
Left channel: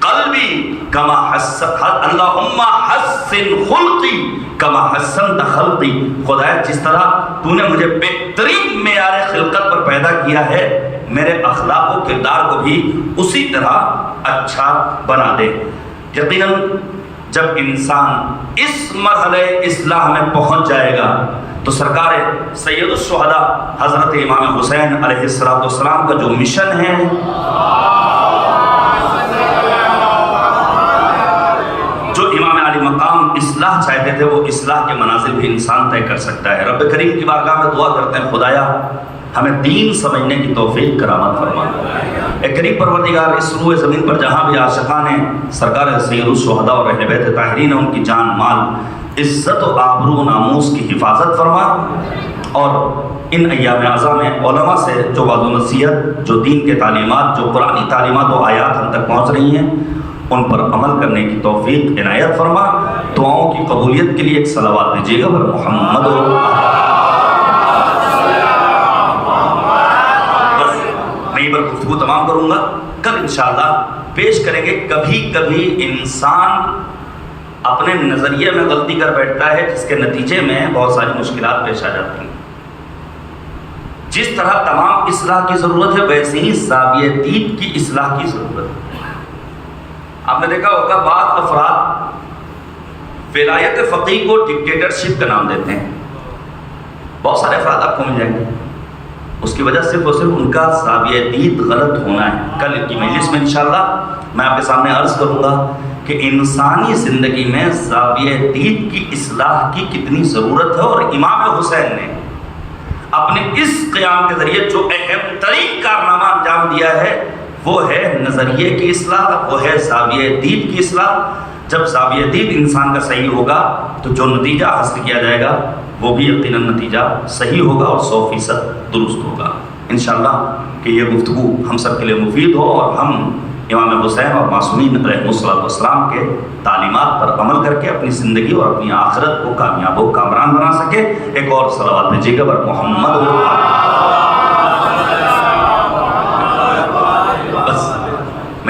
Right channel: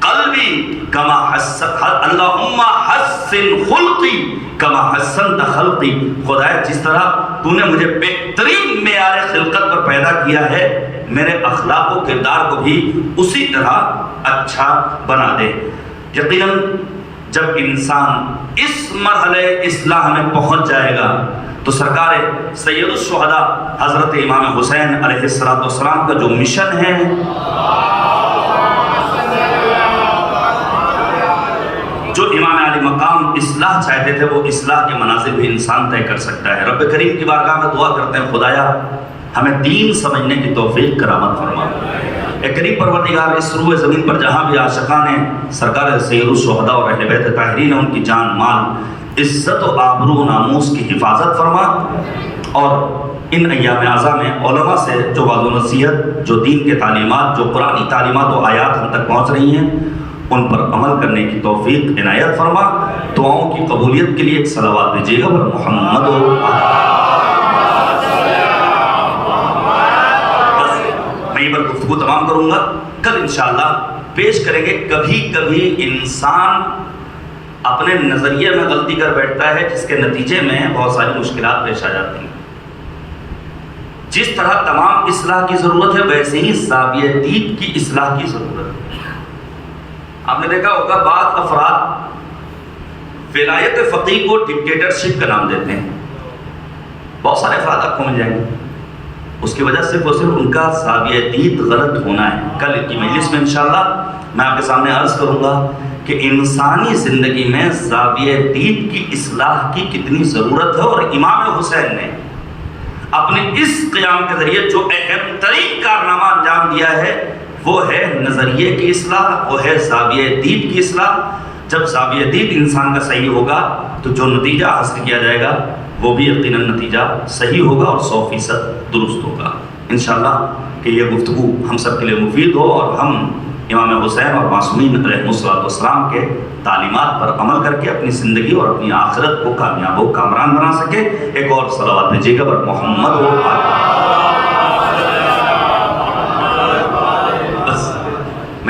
قلبی کما حسن، اللہم حسن خلقی کما حسنت خلقی. خدایا جس طرح تو نے مجھے بہترین معیار خلقت پر پیدا کیا ہے، میرے اخلاق و کردار کو بھی اسی طرح اچھا بنا دے. یقیناً جب انسان اس مرحلے اصلاح میں پہنچ جائے گا تو سرکار سید الشہداء حضرت امام حسین علیہ السلام کا جو مشن ہے، جو امام علی مقام اصلاح چاہتے تھے، وہ اصلاح کے منازل بھی انسان طے کر سکتا ہے. رب کریم کی بارگاہ میں دعا کرتے ہیں خدایا ہمیں دین سمجھنے کی توفیق کرامت فرما. اے کریم پروردگار اس روئے زمین پر جہاں بھی عاشقان ہیں سرکار سید الشہداء اور اہل بیت طاہرین ان کی جان مال عزت و آبرو و ناموس کی حفاظت فرما. اور ان ایام اعزاں میں علماء سے جو وعظ و نصیحت، جو دین کے تعلیمات، جو قرآنی تعلیمات و آیات ہم تک پہنچ رہی ہیں ان پر عمل کرنے کی توفیق عنایت فرما. دعاؤں کی قبولیت کے لیے ایک صلوات دیجیے گا پر محمد. بس میں پر گفتگو تمام کروں گا. کل انشاءاللہ پیش کریں گے کبھی کبھی انسان اپنے نظریے میں غلطی کر بیٹھتا ہے جس کے نتیجے میں بہت ساری مشکلات پیش آ جاتی ہیں. جس طرح تمام اصلاح کی ضرورت ہے ویسے ہی زاویہ دید کی اصلاح کی ضرورت ہے. آپ نے دیکھا ہوگا بعض افراد ولایت فقیہ کو ڈکٹیٹرشپ کا نام دیتے ہیں. بہت سارے افراد آپ کو مل جائیں گے. اس کی وجہ صرف اور صرف ان کا زاویہ دید غلط ہونا ہے. کل کی مجلس میں انشاءاللہ میں آپ کے سامنے عرض کروں گا کہ انسانی زندگی میں زاویہ دید کی اصلاح کی کتنی ضرورت ہے. اور امام حسین نے اپنے اس قیام کے ذریعے جو اہم ترین کارنامہ انجام دیا ہے وہ ہے نظریے کی اصلاح، وہ ہے زاویہ دید کی اصلاح. جب زاویہ دید انسان کا صحیح ہوگا تو جو نتیجہ حاصل کیا جائے گا وہ بھی یقیناً نتیجہ صحیح ہوگا اور 100% درست ہوگا. انشاءاللہ کہ یہ گفتگو ہم سب کے لیے مفید ہو اور ہم امام حسین اور معصومین علیہ السلام کے تعلیمات پر عمل کر کے اپنی زندگی اور اپنی آخرت کو کامیاب و کامران بنا سکے. ایک اور صلوات بھیجیے گا پر محمد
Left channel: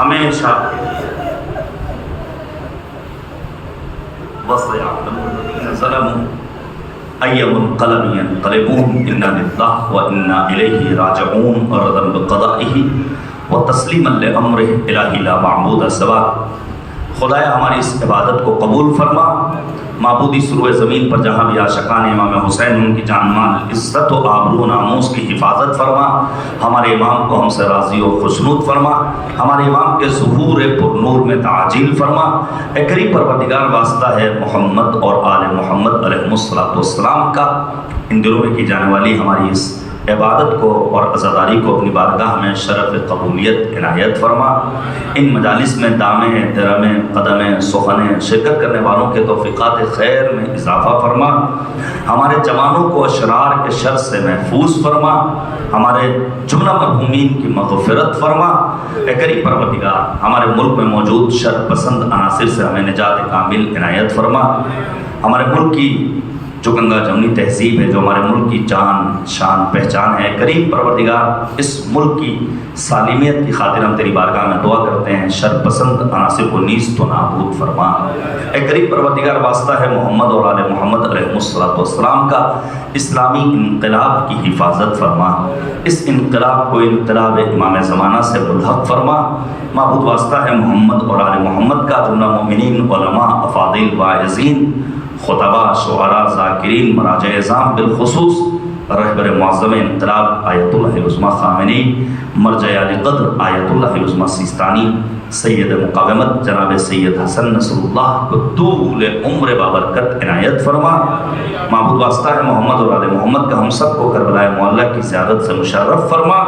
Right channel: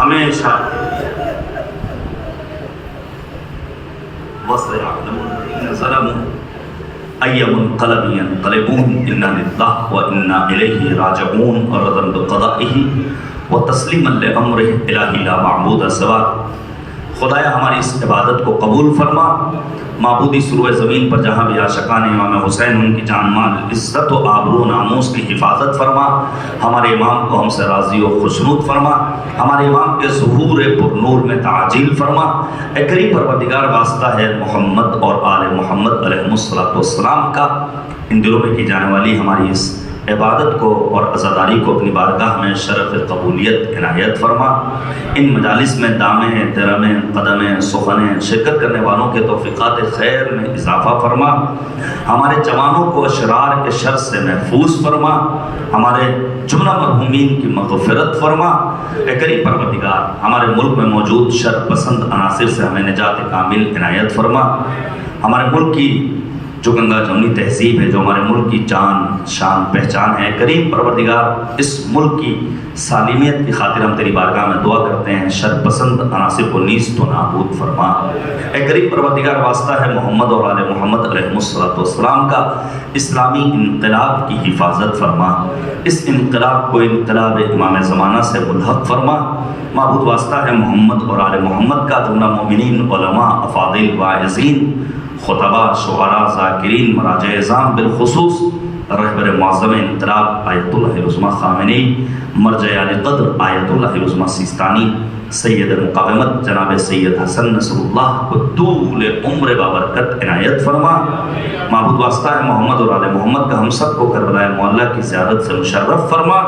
ہمیشہ وَسَيَعْلَمُ الَّذِينَ ظَلَمُوا أَيَّ مُنْقَلَبٍ يَنْقَلِبُونَ إِنَّا لِلَّهِ وَإِنَّا إِلَيْهِ رَاجِعُونَ وَرَضًا بِقَضَائِهِ وَتَسْلِيمًا لِأَمْرِهِ إِلَٰهِ لَا مَعْبُودَ سِوَاكَ۔ خدایا ہماری اس عبادت کو قبول فرما، معبودی سروئے زمین پر جہاں بھی عاشقان امام حسین ان کی جان مال عزت و آبرو و ناموس کی حفاظت فرما، ہمارے امام کو ہم سے راضی و خوشنود فرما، ہمارے امام کے ظہور پر نور میں تعجیل فرما۔ اے کریم پروردگار، واسطہ ہے محمد اور آل محمد علیہ السلام کا، ان دنوں میں کی جانے والی ہماری اس عبادت کو اور عزاداری کو اپنی بارگاہ میں شرف قبولیت عنایت فرما۔ ان مجالس میں دامیں، درمیں، قدمیں، سخنیں شرکت کرنے والوں کے توفیقات خیر میں اضافہ فرما، ہمارے جوانوں کو اشرار کے شر سے محفوظ فرما، ہمارے جملہ مرحومین کی مغفرت فرما۔ اے کریم پروردگار، ہمارے ملک میں موجود شر پسند عناصر سے ہمیں نجات کامل عنایت فرما۔ ہمارے ملک کی جو گنگا جمنی تہذیب ہے، جو ہمارے ملک کی جان شان پہچان ہے، کریم پروردگار اس ملک کی سالمیت کی خاطر ہم تیری بارگاہ میں دعا کرتے ہیں، شر پسند عناصر کو نیست و نابود فرما۔ اے کریم پروردگار، واسطہ ہے محمد اور آل محمد علیہ السلام کا، اسلامی انقلاب کی حفاظت فرما، اس انقلاب کو انقلاب امام زمانہ سے ملحق فرما۔ معبود، واسطہ ہے محمد اور آل محمد کا، جملہ مومنین، علماء، افاضل، واعظین، خطباء، شعراء، ذاکرین، مراجع اعظام، بالخصوص رہبر معظم انقلاب آیت اللہ العظمیٰ خامنی، مرجع علی قدر آیت اللہ العظمیٰ سیستانی، سید مقاومت جناب سید حسن نصر اللہ کو طول عمر بابرکت عنایت فرما۔ معبود، واسطہ ہے محمد اور آل محمد کا، ہم سب کو کربلا معلیٰ کی زیارت سے مشرف فرما۔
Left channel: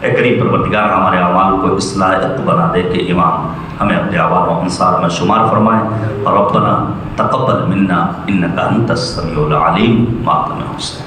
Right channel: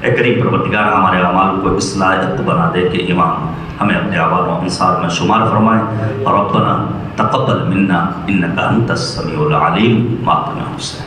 اے کریم پروردگار، ہمارے اعمال کو اصلاحیت بنا دے کہ امام ہمیں اپنے آباد و انصار میں شمار فرمائے۔ ربنا تقبل منا انک انت السمیع العلیم۔ ماتم حسین۔